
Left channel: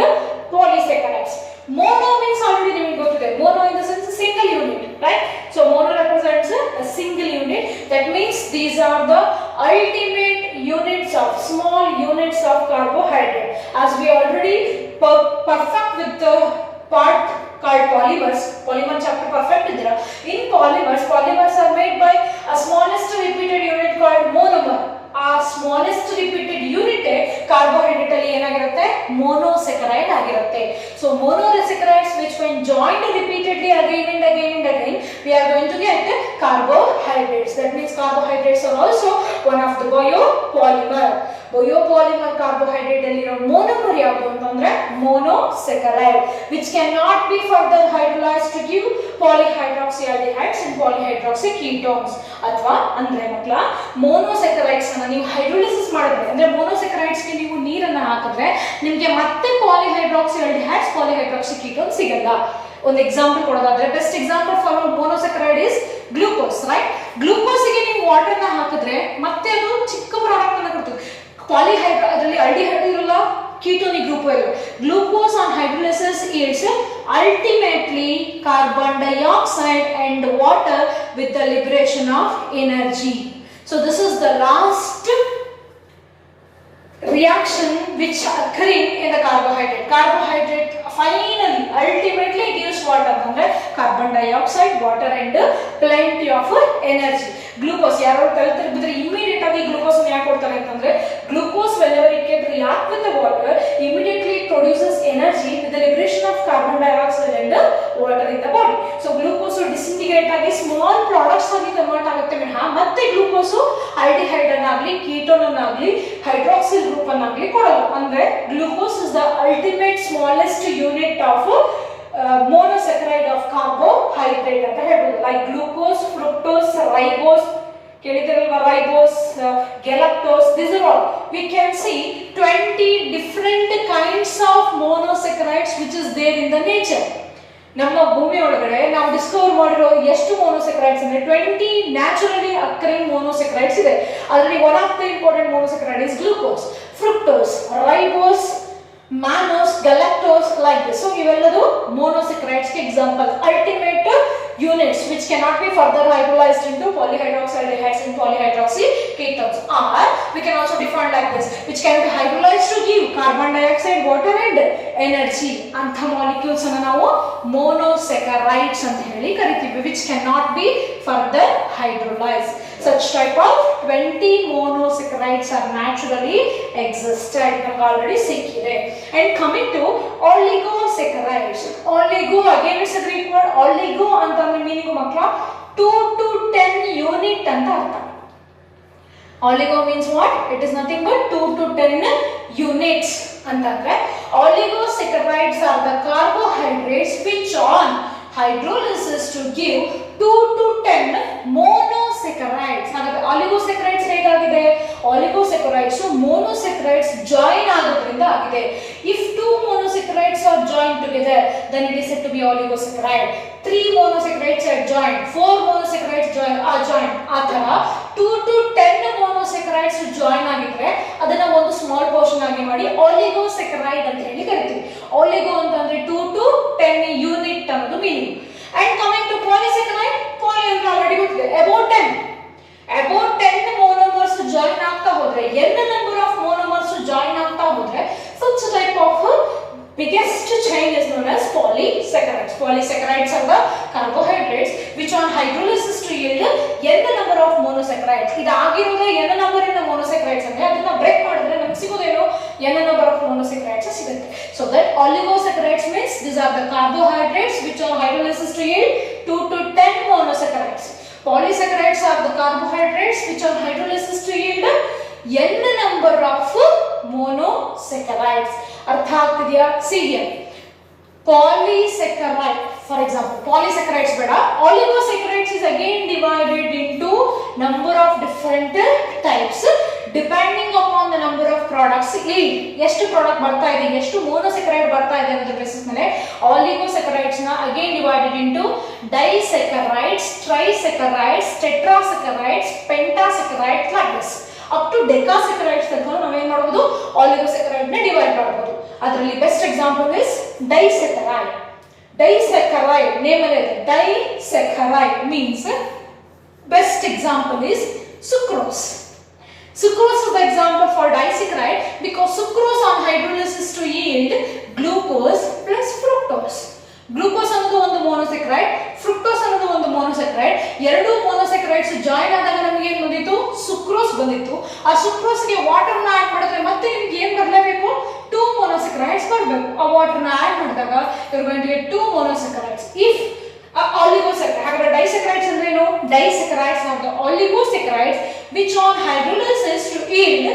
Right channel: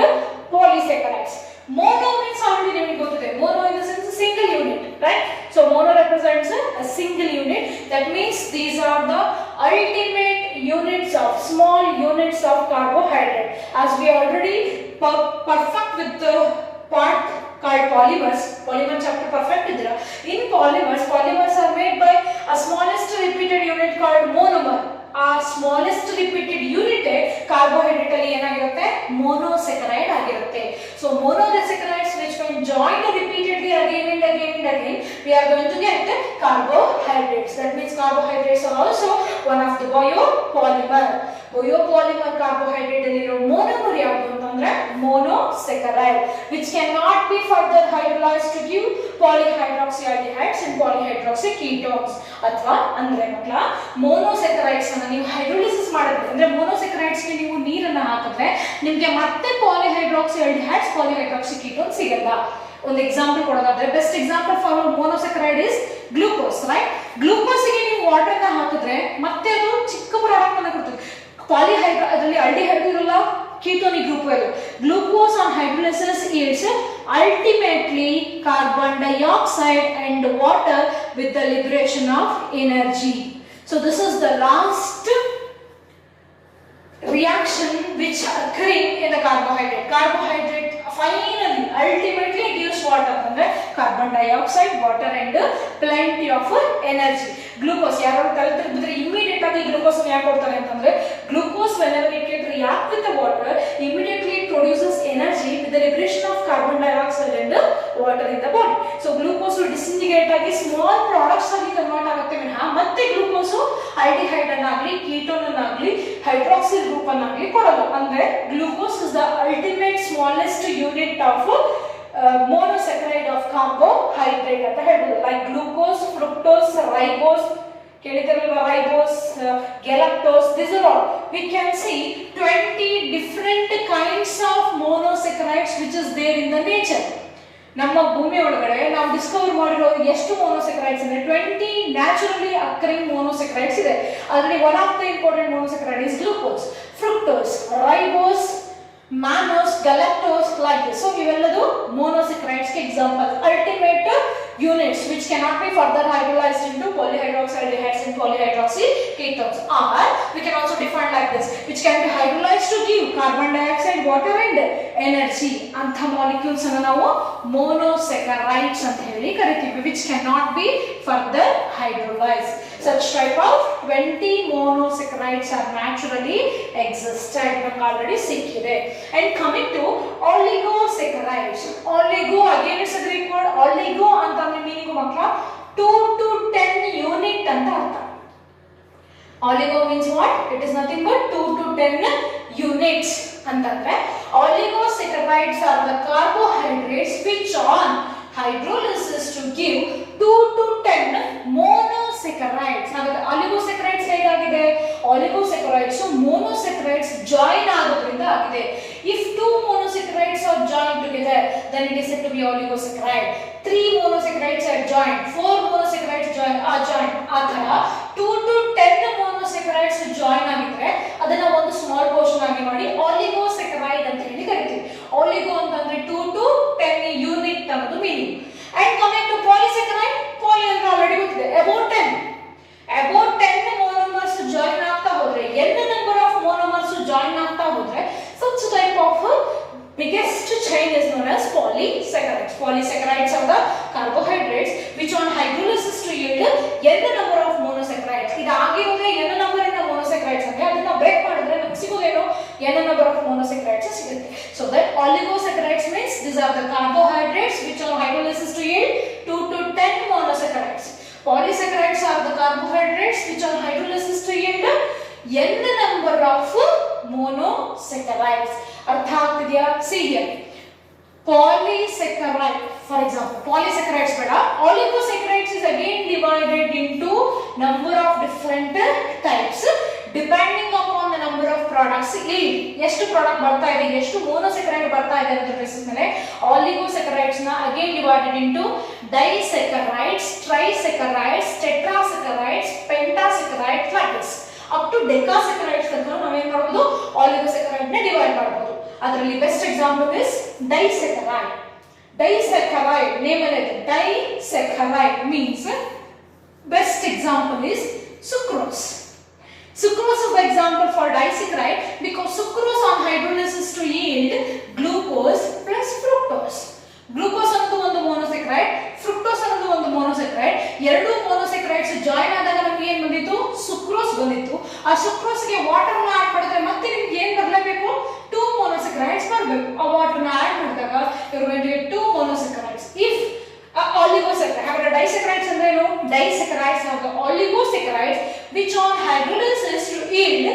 polysaccharides. Mono means already ನಿಮಗೆ ಗೊತ್ತಿದೆ. Mono in the sense a single unit, right? So mono represents a single unit. That means these are the ultimate units of small units of carbohydrate. As we already perfect with the part called polymers. Polymer chapter perfect idra. In polymers are made by a smallest repeated unit called monomer. Our smallest repeated unit carbohydrate alli enagirutte monosaccharide agirutte. So monosaccharides which when joined repeatedly again and again we are going to get carbohydrates. That means carbohydrates are also one of the biopolymer. Biopolymer carbohydrate aliro monomer yavadu antandre monosaccharide, which cannot be further hydrolyzed to give polyhydroxyaldehydes and polyhydroxyketones. Athwa andre makla monosaccharides ಅನ್ನು ನೀವು hydrolysis ಮಾಡಿದ್ರೆ ಅಂದ್ರೆ monosaccharides ಗೆ ನೀವು ನೀರನ್ನು ಹಾಕಿದ್ರೆ ನಿಮಗೆ ಮತ್ತೆ polyhydroxyaldehydes polyhydroxyketones ಸಿಗಲ್ಲ. ಒಂದು ಎಕ್ಸಾಂಪಲ್ ಕೊಡೋದಾದ್ರೆ best example for monosaccharide is glucose, right? Glucose ಗೆ ನೀವು ವಾಟರ್ ನ ಹಾಕಿದ್ರೆ ಮತ್ತೆ ಅದು ಚಿಕ್ಕ ಪ್ರಾಡಕ್ಟ್ ಅನ್ನು ಕೊಡ್ತದೆ. ಅದರಲ್ಲಿ aldehyde ಇರಲ್ಲ, ketonic group ಇರಲ್ಲ. Glucose on hydrolysis is ultimately carbon dioxide and water with the liberation of energy. So this is the last reaction which occurring in the carbohydrate. Carbohydrate finally ultimately gives what ಅಂದ್ರೆ carbon dioxide, water and plenty of energy. Glucose ಯಾರು ತಲೆತಿರ್ಬಿದ್ರೆ immediate ಆಗಿ glucose ಅನ್ನು ಯಾಕೆ ಕೊಡ್ತಾರೆ ಅಂತಂದ್ರೆ glucose whenever it can react with the water immediately it produces energy with the liberation of carbon dioxide and water in the body. So glucose disintegrate ಆಗಿ small products ಆಗಿ convert ಆಗುತ್ತೆ ವಿನಃ ಮತ್ತೆ glucose aldehyde ಅನ್ನಾಗಲಿ ketone ಅನ್ನಾಗಲಿ hydroxyl group ಅನ್ನಾಗಲಿ ಕೊಡಲ್ಲ. ಅಂದ್ರೆ glucose is the ultimate smallest unit of monosaccharide of carbohydrate ಅಂತ ಹೇಳ್ಬೋದು. Like glucose, fructose, ribose, ribose, galactose, these are all. We can see 20 different kinds of monosaccharides which is there in the nature. ನಮ್ಮ ಭೂಮಿ ಒಳಗಡೆ ನಾವು Discover ಮಾಡಿರೋ ಎಷ್ಟು monosaccharides ಅಂದ್ರೆ 20 naturally ಅಕ್ಕರಿಂಗ್ monosaccharides ಇದೆ. ಅದರಲ್ಲಿ one of the important monosaccharide is glucose, fructose, ribose, mannose, galactose, like this. So ಇವೆಲ್ಲದು monosaccharides ಗೆ example. Ultimate units which cannot be further hydrolyzed into polyhydroxyaldehydes and polyhydroxyketones. Or we can also define like this, which can be hydrolyzed to give carbon dioxide, water and energy. Antha molecules ಅನ್ನು ನಾವು monosaccharides ಅಂತ ಹೇಳಿ ಕರಿತೀವಿ, which cannot be further hydrolyzed. Such type of 20 monosaccharides are naturally existed. ನಮಗೆ already ಸಿಕ್ಕಿದೆ. And coming to oligosaccharides. Oligo again is a Greek word. Oligo ಅಂತಂದ್ರೆ meaning ಮಕ್ಕಳ 2 to 10 unit ಅಂತ ಅರ್ಥ. Oligo means what? It is nothing but 2 to 10 units. ಅಂತಂದ್ರೆ oligosaccharides are the carbohydrates which on hydrolysis to give 2 to 10 monosaccharides. ಹಾಗಾದ್ರೆ oligosaccharides ಹೇಗಾಗಿದೆ? Oligosaccharides monosaccharides join ಆಗೋದ್ರಿಂದ ಆಗಿದೆ. If 2 monosaccharides are joined together, then it is said to be oligosaccharide. 3 monosaccharides are joined, 4 monosaccharides are joined. ಆ ತರ 2 to 10 monosaccharides join ಆಗಿದ್ರೆ ಅದನ್ನ ಒಂದು small portion ಆಗಿ ಮಾಡಿ oligosacharide ಅಂತ ಹೇಳಿ ಕರಿತೀವಿ. Oligo ಅಂತಂದ್ರೆ 2 to 10 ಯೂನಿಟ್ ಅನ್ನೋದು meaning. And coming to polysaccharide, poly ಅಂದ್ರೆ ಆಲ್ರೆಡಿ ಗೊತ್ತಿದೆ, about 10 monomers join ಆಗ್ತಾ ಹೋದ್ರೆ, n number of monomers join ಆಗ್ತಾ ಹೋದ್ರೆ, such type of biggest chain is known as polysaccharides. Polysaccharides are the carbohydrates which on hydrolysis to yield n number of monosaccharides. ಇದು ಆಗಿರೋದೇ n number ಇಂದ monosaccharides ಅಂದ್ರೆ ಅದನ್ನ break ಮಾಡಿದ್ರೆ ನಮಗೆ ಸಿಗೋದೇನು n number of monosaccharides ಸಿಗುತ್ತೆ. So that oligosaccharides means these are the carbohydrates which on hydrolysis to yield 2 to 10 monosaccharides. Polysaccharides are the carbohydrates which on hydrolysis to yield n number of monosaccharides. ಅರ್ಥ ಆಗ್ತಿದೆಯಾ? See here, polysaccharide, for example, polysaccharides ಬೇಡ, oligosaccharides is again divided into number of different types depending upon the number of products. ಇಲ್ಲಿ ಎಷ್ಟು product ಬರ್ತಾ ಇದೆ, ಎಷ್ಟು monosaccharide ಬರ್ತಾ ಇದೆ ಅಂತ ಬೇಸಿಸ್ ಮೇಲೆ oligosaccharides ನ again divided into disaccharides, trisaccharides, tetrasaccharides, pentasaccharides, like this up to decasaccharides ತನಕ ನಾವು ಏನು ಮಾಡಬಹುದು, oligosaccharides ನ ಡಿವೈಡ್ ಮಾಡಬಹುದು. ಅದರಲ್ಲಿ best example is disaccharide. Disaccharide name ಅಲ್ಲಿ ಇದೆ, disaccharide means best example is sucrose. Sucrose is the example for disaccharide because sucrose on hydrolysis to yield glucose plus fructose. Glucose ಅನ್ನೋದು ಒಂದು monosaccharide, fructose ಅನ್ನೋದು ಒಂದು monosaccharide. ಎರಡು monosaccharides join ಆದಾಗ ನಮಗೆ ಏನು ಬಂದಿತ್ತು, ಸುಕ್ರೋಸ್ ಬಂದಿತ್ತು. ಆ ಸುಕ್ರೋಸ್ ಗೆ ವಾಟರ್ ನ ಆಡ್ ಮಾಡಿದ್ರೆ ಮತ್ತೆ ನಿಮಗೆ ಏನು ಬರಲೇಬೇಕು, 2 monosaccharides ಬರಬೇಕು. ಆ ವಾಟರ್ ನ ಆಡ್ ಮಾಡಿದಾಗ you are going to get 2 monosaccharides. If oligosaccharides, ಹಾಗಾದ್ರೆ disaccharides ಅಂದ್ರೆ ಏನು? Disaccharides are the oligosaccharides which on hydrolysis to yield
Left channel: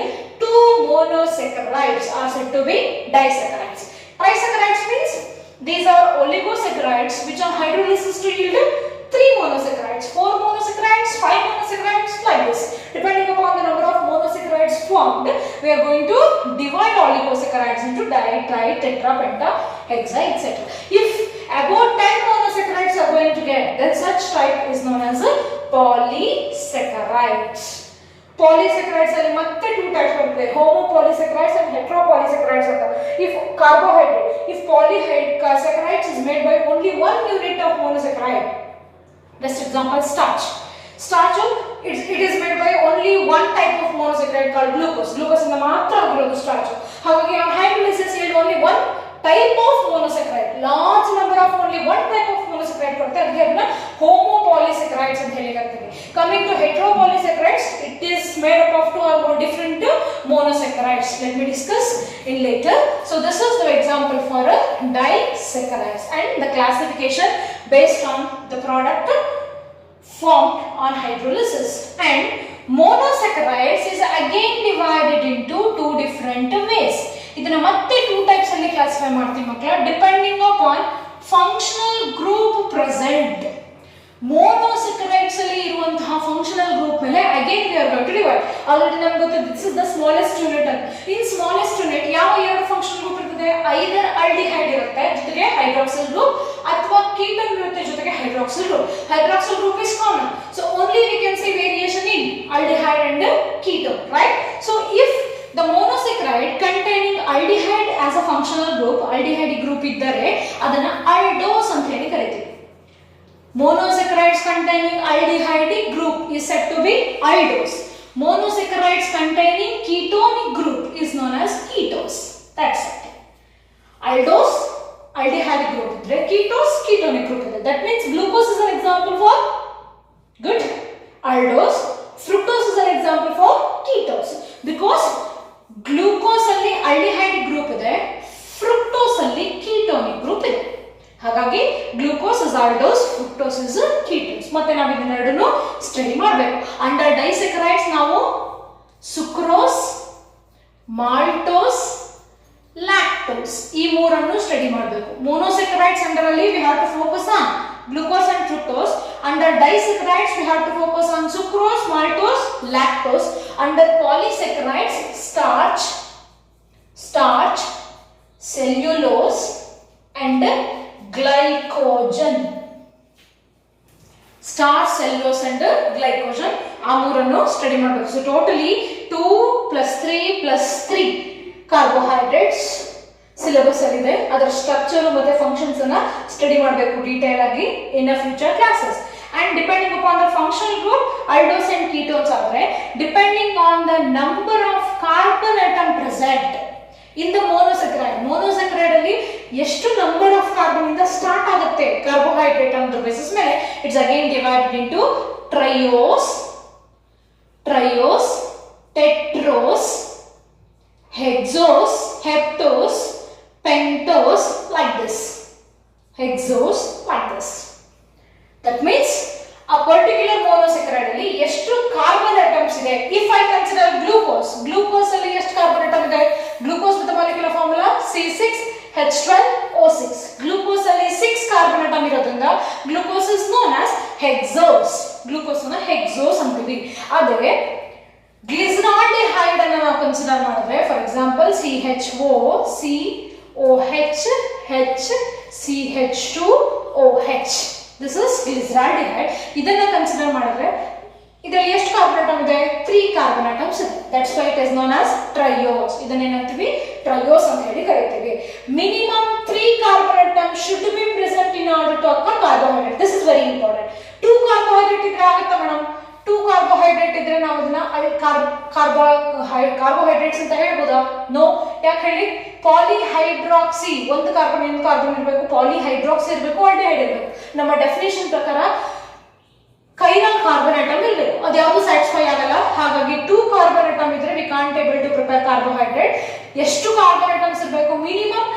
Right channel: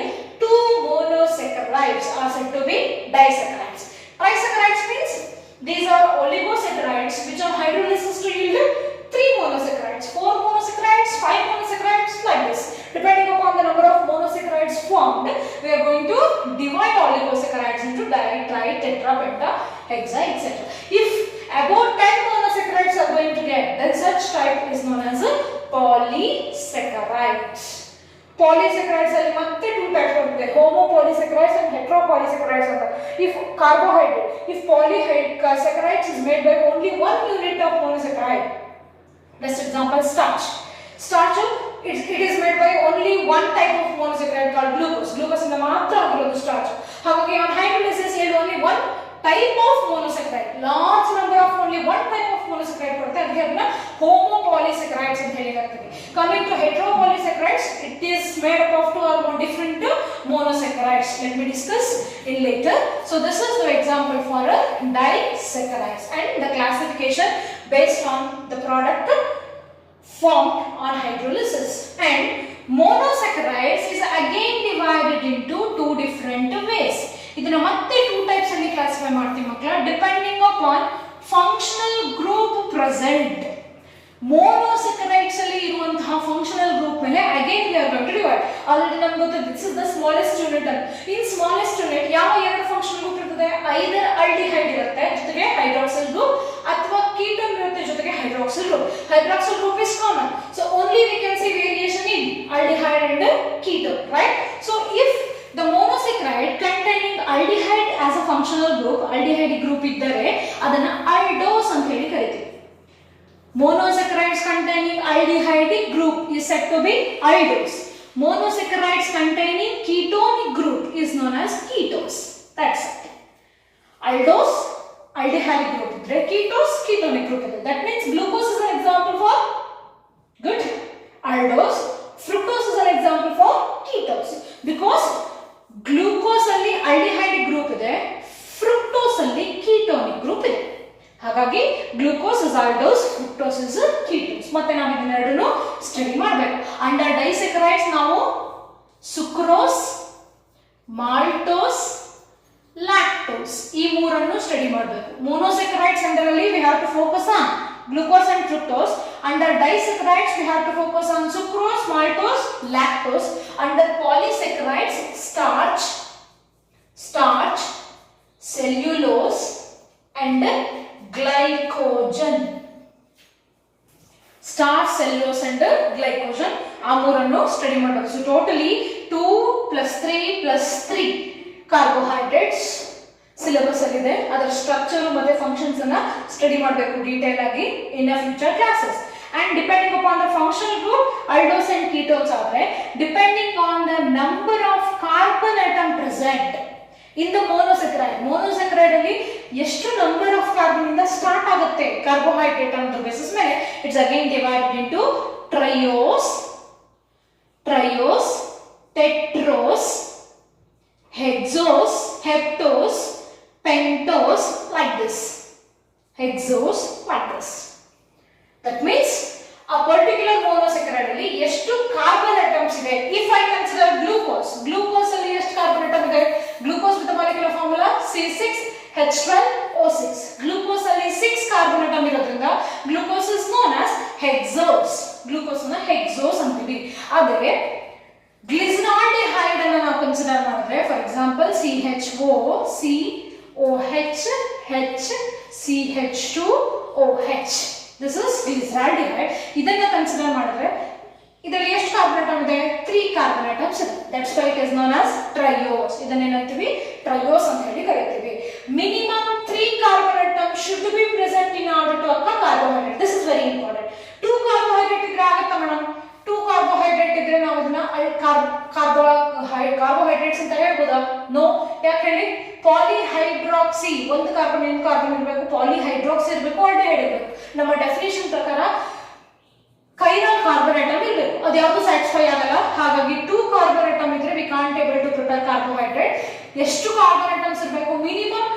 2 monosaccharides are said to be disaccharides. Trisaccharides means these are oligosaccharides which on hydrolysis to yield 3 monosaccharides, 4 monosaccharides, 5 monosaccharides, like this. Depending upon the number of monosaccharides formed, we are going to divide oligosaccharides into di, tri, tetra, penta, hexa, etc. If about 10 monosaccharides are going to get, then such type is known as a polysaccharides. Polysaccharides ಅಲ್ಲಿ ಮತ್ತೆ 2 types ಬರುತ್ತೆ, homopolysaccharides and heteropolysaccharides ಅಂತ. If carbohydrate, if polysaccharides is made by only 1 unit of monosaccharide, best example starch. Starch it is made by only one type of monosaccharide called glucose. Glucose ಇಂದ ಮಾತ್ರ ಆಗಿರೋದು starch. ಹಾಗಾಗಿ on hydrolysis yield only one type of monosaccharide, large number of only one type of monosaccharide ಕೊಡುತ್ತೆ, ಅದಕ್ಕೆ ಅದನ್ನ homopolysaccharides ಅಂತ ಹೇಳಿರ್ತೀವಿ. Coming to heteropolysaccharides, it is made up of 2 or more different monosaccharides. Let me discuss in later. So this is the example for a disaccharides and the classification based on the product formed on hydrolysis. And monosaccharides is again divided into 2 different ways. ಇದನ್ನ ಮತ್ತೆ 2 types ಅಲ್ಲಿ classify ಮಾಡ್ತೀವಿ ಮಕ್ಕಳ, depending upon functional group present. monosaccharides ಅಲ್ಲಿ ಇರುವಂತಹ functional group ಮೇಲೆ again we are going to divide. Already ನಮಗೆ ಗೊತ್ತಿದೆ, this is the smallest unit. in smallest unit ಯಾವ ಎರಡು ಫಂಕ್ಷನಲ್ ಗ್ರೂಪ್ ಇರ್ತದೆ, either aldehyde ಇರುತ್ತೆ ಜೊತೆಗೆ hydroxyl group ಅಥವಾ ketone ಇರುತ್ತೆ ಜೊತೆಗೆ hydroxyl group. Hydroxyl group is common, so only we can see variation in aldehyde and ketone, right? So if the monosaccharide containing aldehyde as a functional group, aldehyde group ಇದ್ದರೆ ಅದನ್ನ aldose ಅಂತ ಹೇಳಿ ಕರೀತೀವಿ. Monosaccharides containing aldehyde group is said to be aldose. Monosaccharides containing ketonic group is known as ketose. That's it. Aldose aldehyde group idre, ketose ketonic group idre. That means glucose is an example for good aldose, fructose is an example for ketose. Because glucose alli aldehyde group ಇದೆ, fructose alli ketonic group ಇದೆ. ಹಾಗಾಗಿ glucose is aldose, fructose is ketones. ಮತ್ತೆ ನಾವು ಇದನ್ನೆರಡನ್ನು study ಮಾಡಬೇಕು. Under ಡೈಸ್ಯಾಕರೈಡ್ಸ್ ನಾವು sucrose, maltose, lactose. ಈ ಮೂರನ್ನು study ಮಾಡಬೇಕು. ಮೊನೊಸ್ಯಾಕರೈಡ್ಸ್ ಅಂಡರ್ ಅಲ್ಲಿ we have to focus on glucose and fructose. Under disaccharides we have to focus on sucrose, maltose, lactose. Under polysaccharides starch, cellulose and glycogen. Starch, cellulose and glycogen ಆ ಮೂರನ್ನು study ಮಾಡಬೇಕು. So totally 2 + 3 + 3 carbohydrates syllabus ಅಲ್ಲಿ ಇದೆ. ಅದರ structure ಮತ್ತೆ functions ಅನ್ನ study ಮಾಡಬೇಕು detail ಆಗಿ in a future classes. And depending upon the functional group aldoses and ketones ಆದ್ರೆ depending on the number of carbon atom present in the monosaccharide ಅಲ್ಲಿ ಎಷ್ಟು ನಂಬರ್ ಆಫ್ ಕಾರ್ಬನ್ ಇಂದ start ಆಗುತ್ತೆ carbohydrate ಅನ್ನೋ basis ಮೇಲೆ it's again divided into triose, tetrose, hexose, heptose, pentose, like this. Hexose, like this. That means a particular monosaccharide ಅಲ್ಲಿ ಎಷ್ಟು carbon atoms ಇದೆ. If I consider glucose ಅಲ್ಲಿ ಎಷ್ಟು carbon atom ಇದೆ? Glucose with the molecular formula C6H12O6. Glucose ಅಲ್ಲಿ 6 carbon atom ಇರೋದ್ರಿಂದ glucose is known as hexose. Glucose ಅನ್ನು hexose ಅಂತೀವಿ. ಅದೇ ಗ್ಲಿಸರಾಲ್ಡಿಹೈಡ್ ಅನ್ನು ನಾವು ಕನ್ಸಿಡರ್ ಮಾಡಿದ್ರೆ for example CHO, COH, this is glyceraldehyde. ಇದನ್ನ ಕನ್ಸಿಡರ್ ಮಾಡಿದ್ರೆ ಇದರಲ್ಲಿ ಎಷ್ಟು ಕಾರ್ಬನ್ ಆಟಮ್ ಇದೆ? 3 ಕಾರ್ಬನ್ ಆಟಮ್ಸ್ ಇದೆ. That's why it is known as triose. ಇದನ್ನ ಏನಂತೀವಿ? ಟ್ರಯೋಸ್ ಅಂತ ಹೇಳಿ ಕರೀತೀವಿ. Minimum 3 carbon atom should be present in order to ಅಕ್ಕ carbohydrate. This is very important. 2 carbohydrate ಇದ್ರೆ ಆಗುತ್ತಾ ಮೇಡಮ್? 2 ಕಾರ್ಬೋಹೈಡ್ರೇಟ್ ಇದ್ರೆ ನಾವು ಅದನ್ನ ಕಾರ್ಬೋಹೈಡ್ರೇಟ್ಸ್ ಅಂತ ಹೇಳ್ಬೋದಾ? ನೋ. ಯಾಕೆ ಹೇಳಿ? ಪಾಲಿಹೈಡ್ರಾಕ್ಸಿ, ಒಂದು ಕಾರ್ಬನ್ ಇರಬೇಕು, ಪಾಲಿಹೈಡ್ರಾಕ್ಸಿ ಇರಬೇಕು, ಆಲ್ಡಿಹೈಡ್ ಇರಬೇಕು. ನಮ್ಮ ಡೆಫಿನೇಷನ್ ಪ್ರಕಾರ ಕೈರಾಲ್ ಕಾರ್ಬನ್ ಆಟಮ್ ಇರಬೇಕು. ಅದು ಯಾವುದು ಸ್ಯಾಟಿಸ್ಫೈ ಆಗಲ್ಲ. ಹಾಗಾಗಿ 2 ಕಾರ್ಬನ್ ಆಟಮ್ ಇದ್ರೆ we can't able to prepare carbohydrate. ಎಷ್ಟು ಕಾರ್ಬನ್ ಆಟಮ್ಸ್ ಇರಬೇಕು? ಮಿನಿಮಮ್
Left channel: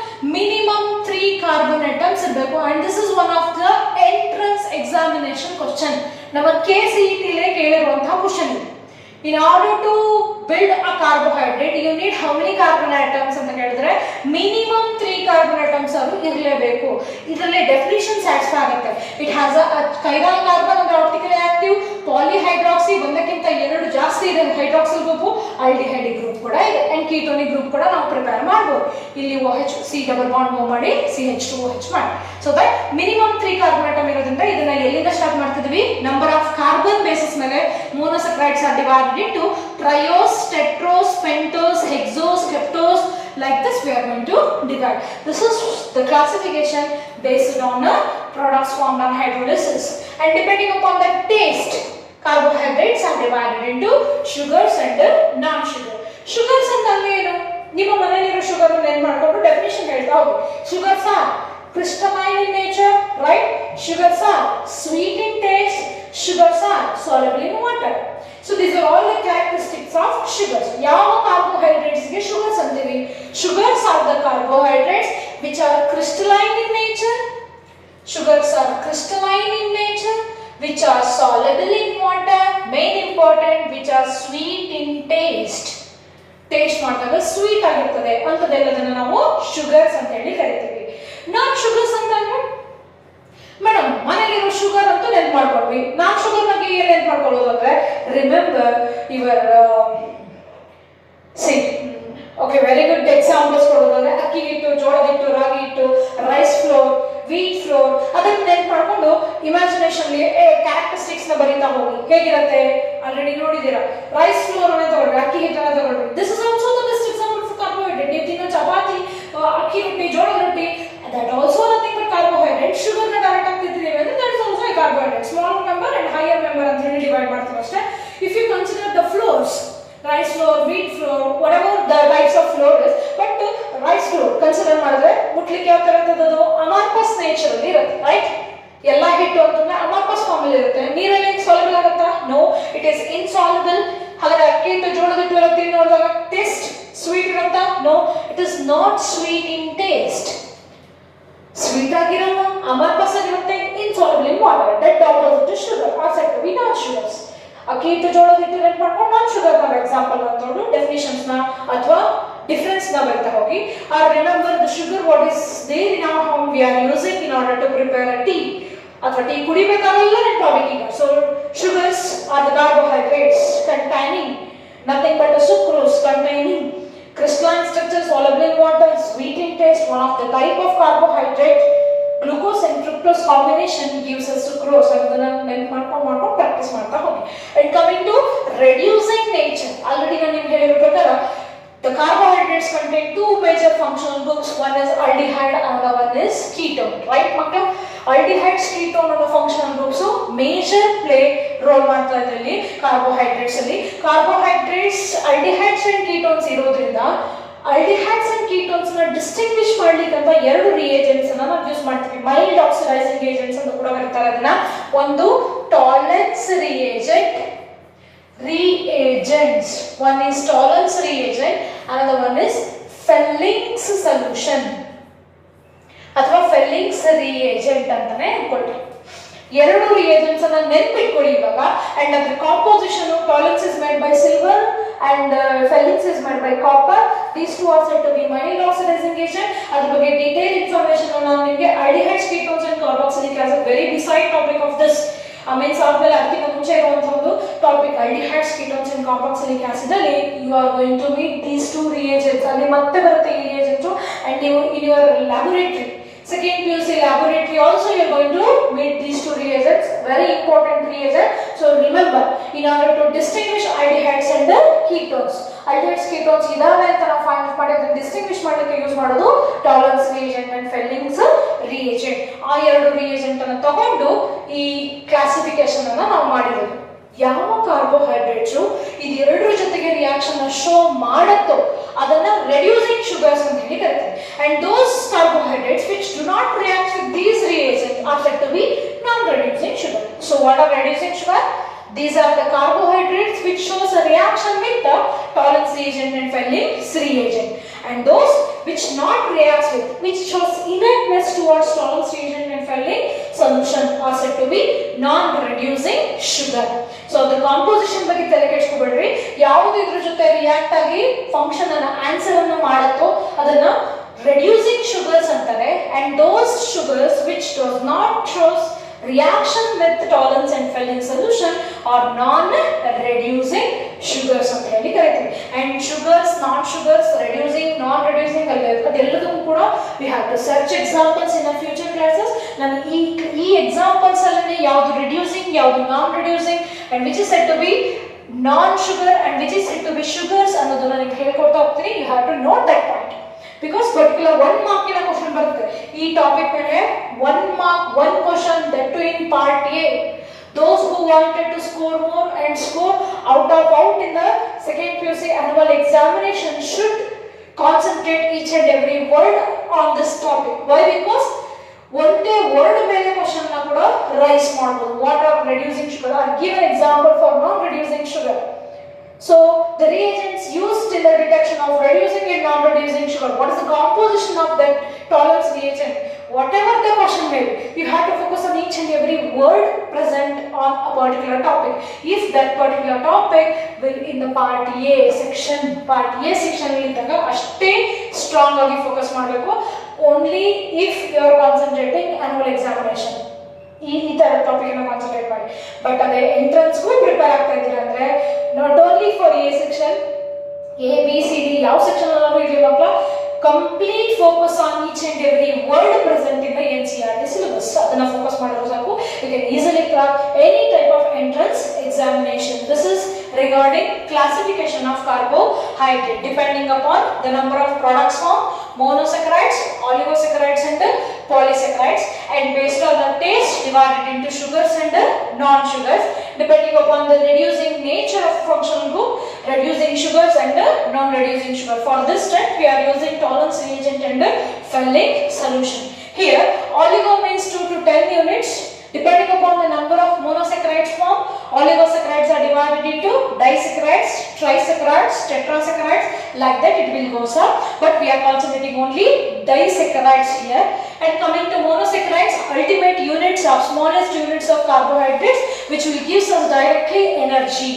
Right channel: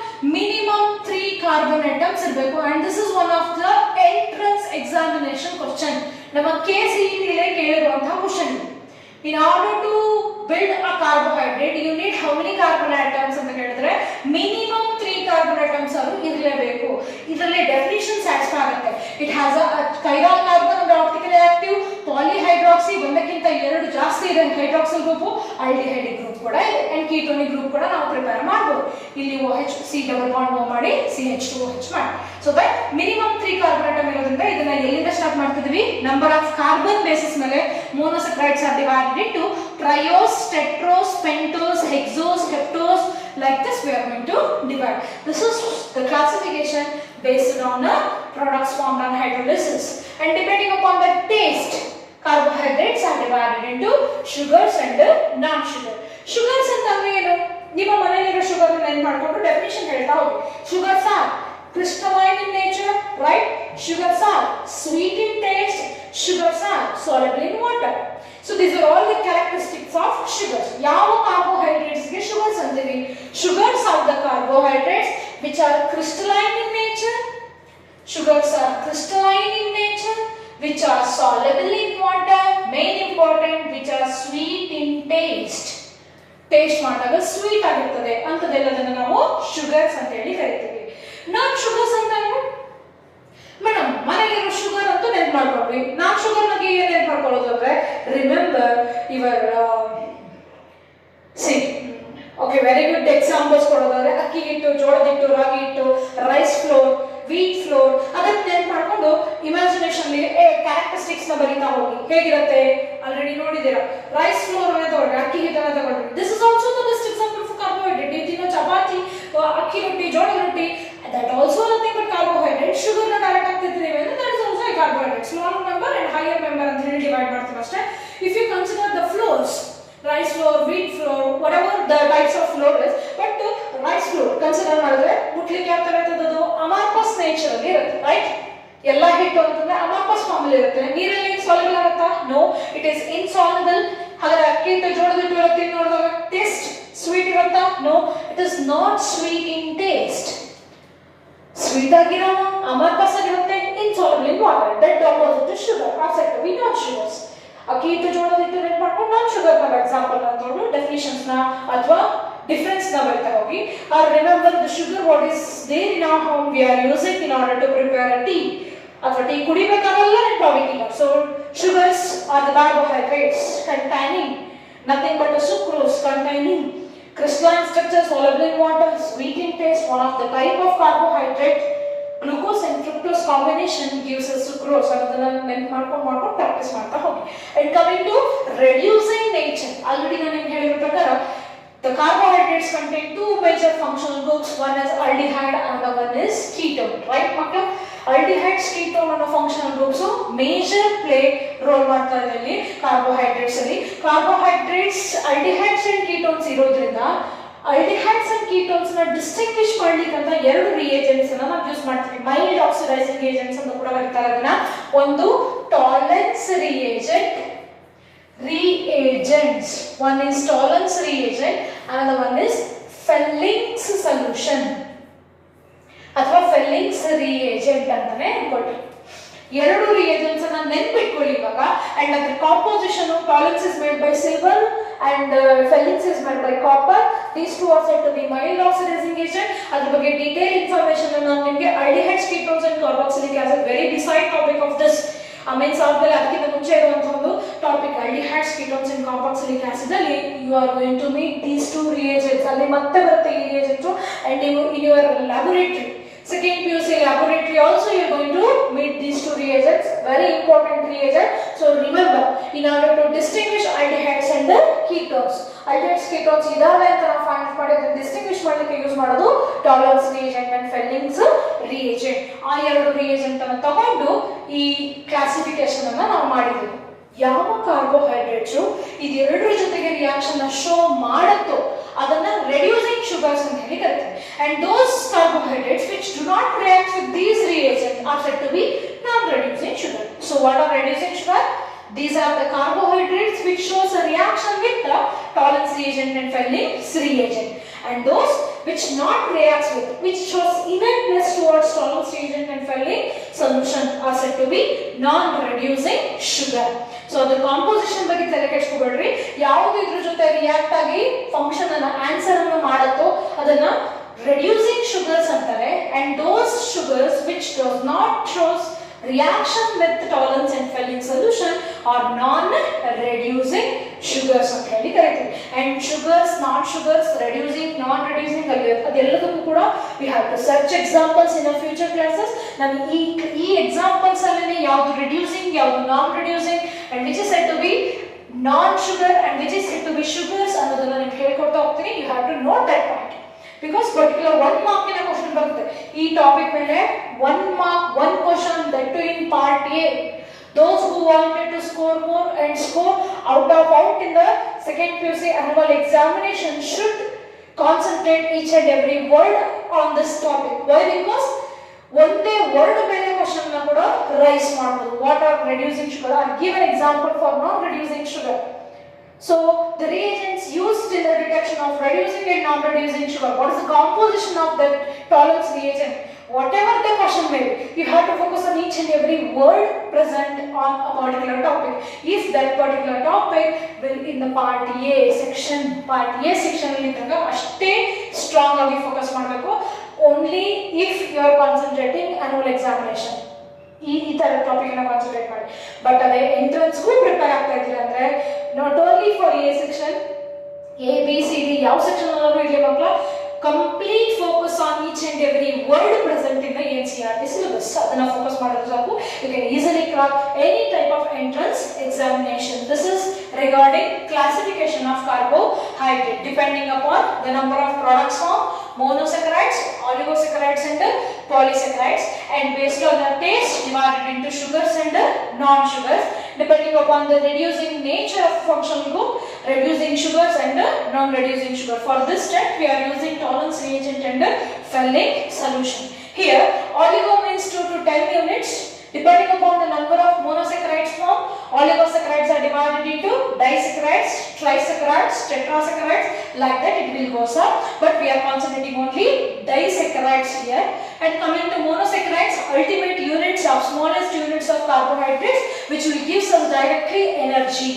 3 ಕಾರ್ಬನ್ ಆಟಮ್ಸ್ ಇರಬೇಕು. And this is one of the entrance examination question. ನಮ್ಮ KCET ಕೇಳಿರುವಂತಹ question. In order to build a carbohydrate, you need how many carbon atoms ಅಂತ ಹೇಳಿದ್ರೆ minimum 3 carbon atoms ಇರಲೇಬೇಕು. ಇದರಲ್ಲಿ definition satisfy ಆಗುತ್ತೆ. It has a ಕೈರಾಲ್ carbon ಅಂದ್ರೆ optically active, ಪಾಲಿಹೈಡ್ರಾಕ್ಸಿ ಒಂದಕ್ಕಿಂತ 2 ಜಾಸ್ತಿ ಇದೆ ಹೈಡ್ರಾಕ್ಸಿಲ್ ಗ್ರೂಪ್, ಆಲ್ಡಿಹೈಡ್ ಗ್ರೂಪ್ ಕೂಡ ಇದೆ, ಅಂಡ್ ಕೀಟೋನಿಕ್ ಗ್ರೂಪ್ ಕೂಡ ನಾವು ಪ್ರಿಪೇರ್ ಮಾಡಬಹುದು. ಇಲ್ಲಿ OH C double bond move ಮಾಡಿ CH2OH ಮಾಡಿ. So that minimum 3 carbon atom ಇರೋದ್ರಿಂದ ಇದನ್ನ ಎಲ್ಲಿಂದ ಸ್ಟಾರ್ಟ್ ಮಾಡ್ತಿದ್ವಿ? ನಂಬರ್ ಆಫ್ ಕಾರ್ಬನ್ ಬೇಸಿಸ್ ಮೇಲೆ monosaccharides are divided into triose, tetrose, pentose, hexose, heptose. Like this we are going to divide. This is the classification based on the products formed on hydrolysis, and depending upon the taste, carbohydrates are divided into sugars and non-sugar. Sugars ಅಂತಂದ್ರೆ ಏನು? ನಿಮ್ಮ ಮನೆಯಲ್ಲಿರೋ sugar ಅನ್ನು ಏನು ಮಾಡ್ಕೊಂಡು definition ಹೇಳ್ತಾ ಹೋಗಿ. Sugars are crystalline in nature, right? Sugars are sweet in taste. Sugars are soluble in water. So these are all the characteristics of sugars. ಯಾವ carbohydrates ಗೆ sugars ಅಂತೀವಿ? Sugars are the carbohydrates which are crystalline in nature. Sugars are crystalline in nature, which are soluble in water. Main important, which are sweet in taste. Taste ಮಾಡಿದಾಗ sweet ಆಗಿರ್ತದೆ ಅಂತದೆಲ್ಲದನ್ನ ನಾವು sugars ಅಂತ ಹೇಳಿ ಕರಿತೀವಿ. ನಾನ್ sugars ಅಂತಂದ್ರೆ madam ಮನೆಯಲ್ಲಿರೋ sugar ಅಂತೂ ನೆನ್ಪು ಮಾಡ್ಕೊಳ್ವಿ. ನಾನ್ ಶುಗರ್ ಬಗ್ಗೆ ಏನ್ ನೆನ್ಪು ಮಾಡ್ಕೊಳ್ಳೋದು ಅಂದ್ರೆ remember your very good examples ಕೊಡೋದಾದ್ರೆ ಅಕ್ಕಿ ಹಿಟ್ಟು, ಜೋಳದ ಹಿಟ್ಟು, ರಾಗಿ ಹಿಟ್ಟು, ರೈಸ್ ಫ್ಲೋರ್, ವೀಟ್ ಫ್ಲೋರ್, ಅದನ್ನ ನೆನ್ಪು ಮಾಡ್ಕೊಂಡು ಇಮ್ಯಾಜಿನೇಷನ್ ಕ್ಯಾರೆಕ್ಟರಿಸ್ಟಿಕ್ಸ್ ನ ಬರೀತಾ ಹೋಗಿ. ಹೇಗಿರುತ್ತೆ ಆಲ್ರೆಡಿ ನೋಡಿದೀರಾ. ರೈಸ್ ಫ್ಲೋರ್ ಅನ್ನ ತಗೊಳ್ರಿ, ಅಕ್ಕಿ ಹಿಟ್ಟನ್ನ ತಗೊಳ್ರಿ. This is also the best example for carbohydrate. ನೀವು ತಿನ್ನೋ ಚಪಾತಿ, ಅಕ್ಕಿ ರೊಟ್ಟಿ, ಜೋಳದ ರೊಟ್ಟಿ, that also nothing but carbohydrate. Sugar na direct ಆಗ್ತಿದ್ದೀವಿ ಅಂದ್ರೆ that is also a carbohydrate. Small member and higher member ಅಂತ ಹೇಳಿ ಡಿವೈಡ್ ಮಾಡ್ತೀವಿ ಅಷ್ಟೇ. If you consider the flours, rice flour, wheat flour, whatever the types of flour is, but rice flour consider ಮಾಡಿದ್ರೆ ಮುಟ್ಲಿಕ್ಕೆ ಯಾವ ತರ ಇರ್ತದದು? ಅಮಾರ್ಪಸ್ nature ಅಲ್ಲಿ ಇರುತ್ತೆ, right? ಎಲ್ಲ ಹಿಟ್ಟು ಅಂತಂದ್ರೆ ಅಮಾರ್ಪಸ್ ಫಾರ್ಮ್ ಅಲ್ಲಿ ಇರುತ್ತೆ. ನೀರಲ್ಲಿ ಸಾಲ್ಯುಬಲ್ ಇರುತ್ತಾ? No, it is insoluble. ಹಾಗಾದ್ರೆ ಅಕ್ಕಿ ಹಿಟ್ಟು, ಜೋಳದ ಹಿಟ್ಟು ಇರುತ್ತೆ ನೋಡಿದಾಗ ಟೇಸ್ಟ್ ಸ್ವೀಟ್ ಇರುತ್ತಾ? No, it is not sweet in taste. Sweet ಆಗಿರೋಣ, ಅಮರ್ಪಸ್ ಆಗಿರುತ್ತೆ, insoluble in water. That opposite to sugar are said to be not sugars. ಅಕ್ಕಿ ಹಿಟ್ಟು ಜೋಳದ ಹಿಟ್ಟು ನೆನ್ಪು ಮಾಡ್ಕೊಂಡು ನಾನ್ ಶುಗರ್ ನಾವು ಎಕ್ಸಾಂಪಲ್ ಅಂತಂದು ಡೆಫಿನಿಷನ್ಸ್ ನ ಅಥವಾ difference na barta hogi. Or remember the sugar what is there in our home we are using in order to prepare a tea. Athwa tea kudibekavalla and body. So sugars are the carbohydrates containing nothing but a sucrose containing crystalline structure, soluble in water, sweet in taste, one of the type of carbohydrate. Glucose and fructose combination gives us sucrose. Adana ನೆನಪು ಮಾಡ್ಕೊಂಡು practice ಮಾಡ್ತಾ ಹೋಗಿ. And coming to reducing nature, already ನಾನು ನಿಮಗೆ ಹೇಳಿರೋ ಪ್ರಕಾರ the carbohydrates contain two major functional groups. One is aldehyde, another one is ketone. Right, makka? Aldehydes, ketone and functional groups. So major play role ಮಾಡ್ತಾ ಇದ್ರಲ್ಲಿ carbohydrates ಅಲ್ಲಿ. Carbohydrates, aldehydes and ketones ಇರೋದ್ರಿಂದ aldehydes and ketones ನ distinguish ಮಾಡ್ಲಿಕ್ಕೆ ಅಂತ ಎರಡು reagents ಅನ್ನ ನಾವು ಯೂಸ್ ಮಾಡ್ತೀವಿ. ಮೈಲ್ಡ್ ಆಕ್ಸಿಡೈಸಿಂಗ್ ಏಜೆಂಟ್ಸ್ ಅಂತ ಕೂಡ ಕರೀತಾರೆ ಅದನ್ನ. ಒಂದು tolerance reagents. One is Tollens reagent, another one is Felling's solution ಅಥವಾ Felling's reagent ಅಂತಾನೆ ಅನ್ಕೊಳ್ಳಿ. ಎರಡು reagents ಅನ್ನ ನೆನಪಿಟ್ಕೊಳ್ಳಿ ಇವಾಗ. And ಅದರ composition Tollens is made by silver and Felling's is made by copper. These two are said to be mild oxidizing agent. ಅದರ ಬಗ್ಗೆ detailed information ನಾನು ನಿಮಗೆ aldehydes, ketones and carboxylic acid very beside topic of this means ಆದ್ಮೇಲೆ ಅದಕ್ಕಿಂತ ಮುಂಚೆ ಇರುವಂತ ಒಂದು topic aldehydes, ketones and carboxylic acid ಅಲ್ಲಿ you are going to meet these two reagents. ಅಲ್ಲಿ ಮತ್ತೆ ಬರುತ್ತೆ ಈ reagents and you in your laboratory second PUC laboratory also you are going to meet these two reagents, very important reagent. So remember in order to distinguish aldehydes and ketones, aldehydes ketones ಇದಾವೆ ಅಂತ ನಾವು find out ಮಾಡಿ ಅದನ್ನ distinguish ಮಾಡಲಿಕ್ಕೆ use ಮಾಡೋದು Tollens reagent and Felling's reagent. ಆ ಎರಡು reagent ಅನ್ನು ತಗೊಂಡು ಈ ಕ್ಲಾಸಿಫಿಕೇಶನ್ ಅನ್ನು ನಾವು ಮಾಡಿರೋದು. ಯಾವ ಕಾರ್ಬೋಹೈಡ್ರೇಟ್ಸ್ ಇದೆರಡರ ಜೊತೆಗೆ ರಿಯಾಕ್ಷನ್ ಶೋ ಮಾಡುತ್ತೋ ಅದನ್ನ ರೆಡ್ಯೂಸಿಂಗ್ ಶುಗರ್ಸ್ ಅಂತ ಹೇಳಿ ಕರೀತಾರೆ. And those carbohydrates which do not react with these reagents are said to be non reducing sugar. So what are reducing sugar? These are the carbohydrates which shows a reaction with the Tollens reagent and Felling's reagent. And those which not reacts with, which shows inertness towards Tollens reagent and Felling's solution are said to be non-reducing sugar. So the composition ಬಗ್ಗೆ ತಲೆ ಕೆಡಿಸ್ಕೋಬೇಡ್ರಿ. ಯಾವುದು ಇದ್ರ ಜೊತೆ react ಆಗಿ function ಅನ್ನ answer ಅನ್ನು ಮಾಡುತ್ತೋ ಅದನ್ನ reducing sugars ಅಂತಾರೆ. And those sugars which does not shows reaction with Tollens and Felling's solution are non-reducing sugars ಅಂತ ಹೇಳಿ ಕರೀತೀವಿ. And sugars, not sugars, reducing, non-reducing ಅದೆಲ್ಲದಕ್ಕೂ ಕೂಡ we have to search examples in our future classes. ನಾನು ಈ examples ಅಲ್ಲಿ ಯಾವುದು reducing, ಯಾವುದು non-reducing and which is said to be non-sugar and which is said to be sugars ಅನ್ನೋದನ್ನ ನಾನು ಹೇಳ್ಕೊಡ್ತಾ ಹೋಗ್ತೀನಿ. You have to note that point. Because particular 1 mark in a question ಬರುತ್ತೆ ಈ ಟಾಪಿಕ್ ಮೇಲೆ 1 mark 1 question that too in part A. Those who wanted to score more and score out in the second PUC annual examination should concentrate each and every word on this topic. Why? Because ಒಂದೇ word ಮೇಲೆ question ನ ಕೂಡ raise ಮಾಡಬಹುದು. What are reducing sugar or give an example for non reducing sugar. So the reagents used in the detection of reducing and non-reducing sugar. What is the composition of that Tollens reagent? Whatever the question may be, you have to focus on each and every word present on a particular topic. If that particular topic will in the part A section ಇದ್ದಾಗ ಅಷ್ಟೇ strong ಆಗಿ focus ಮಾಡಬೇಕು. Only if you are concentrating annual examination. ಈ ತರ topic ಅನ್ನ concentrate ಮಾಡಿ. But ಅದೇ ಎಂಟ್ರೆನ್ಸ್ಗೂ prepare ಆಗ್ತಾ ಇದ್ದೀರಾ ಅಂದ್ರೆ not only for A section, A B C D ಯಾವ ಸೆಕ್ಷನ್ ಅಲ್ಲೂ ಇದೆಯಲ್ಲ ಮಕ್ಕಳ, complete focus on each and every word present in the NCERT syllabus. ಅದನ್ನ ಫೋಕಸ್ ಮಾಡಿದ್ರೆ ಸಾಕು. You can easily crack any type of entrance examination. This is regarding classification of carbohydrate depending upon the number of products formed, monosaccharides, oligosaccharides and polysaccharides, and based on the taste divided into sugars and non-sugars depending upon the reducing nature of functional group, reducing sugars and non-reducing sugar. For this step we are using Tollens reagent and Felling's solution. Here oligo means 2 to 10 units. Depending upon the number of monosaccharides formed, oligosaccharides are divided into disaccharides, trisaccharides, tetrasaccharides, like that it will go up. But we are concentrating only disaccharides here. And coming to monosaccharides, ultimate units of smallest units of carbohydrates which will give us directly energy.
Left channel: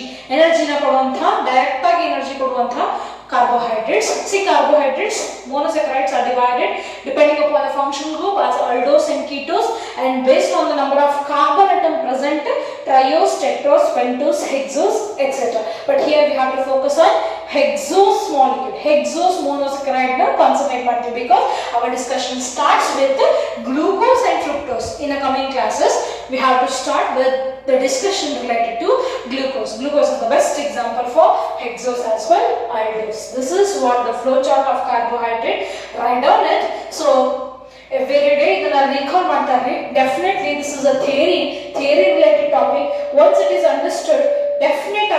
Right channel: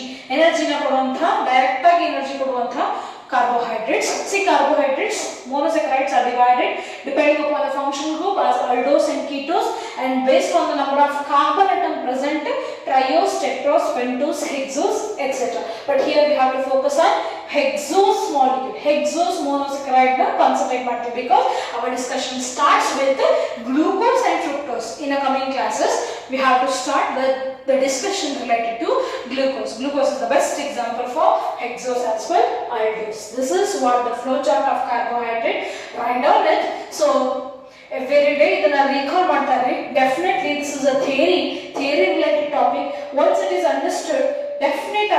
carbohydrates. See, carbohydrates, monosaccharides are divided depending upon the functional group as aldose and ketose, and based on the number of carbon atom present, triose, tetrose, pentose, hexose, etc. But here we have to focus on hexose molecule. Hexose monosaccharide concentrate matter, because our discussion starts with glucose and fructose. In the coming classes, we have to start with the discussion related to glucose. Glucose is the best example for hexose as well aldose. This is what the flow chart of carbohydrate. Write down it. So every day ಇದನ್ನ recall ಮಾಡ್ತಾರೆ. Definitely this is a theory related topic. Once it is understood, definitely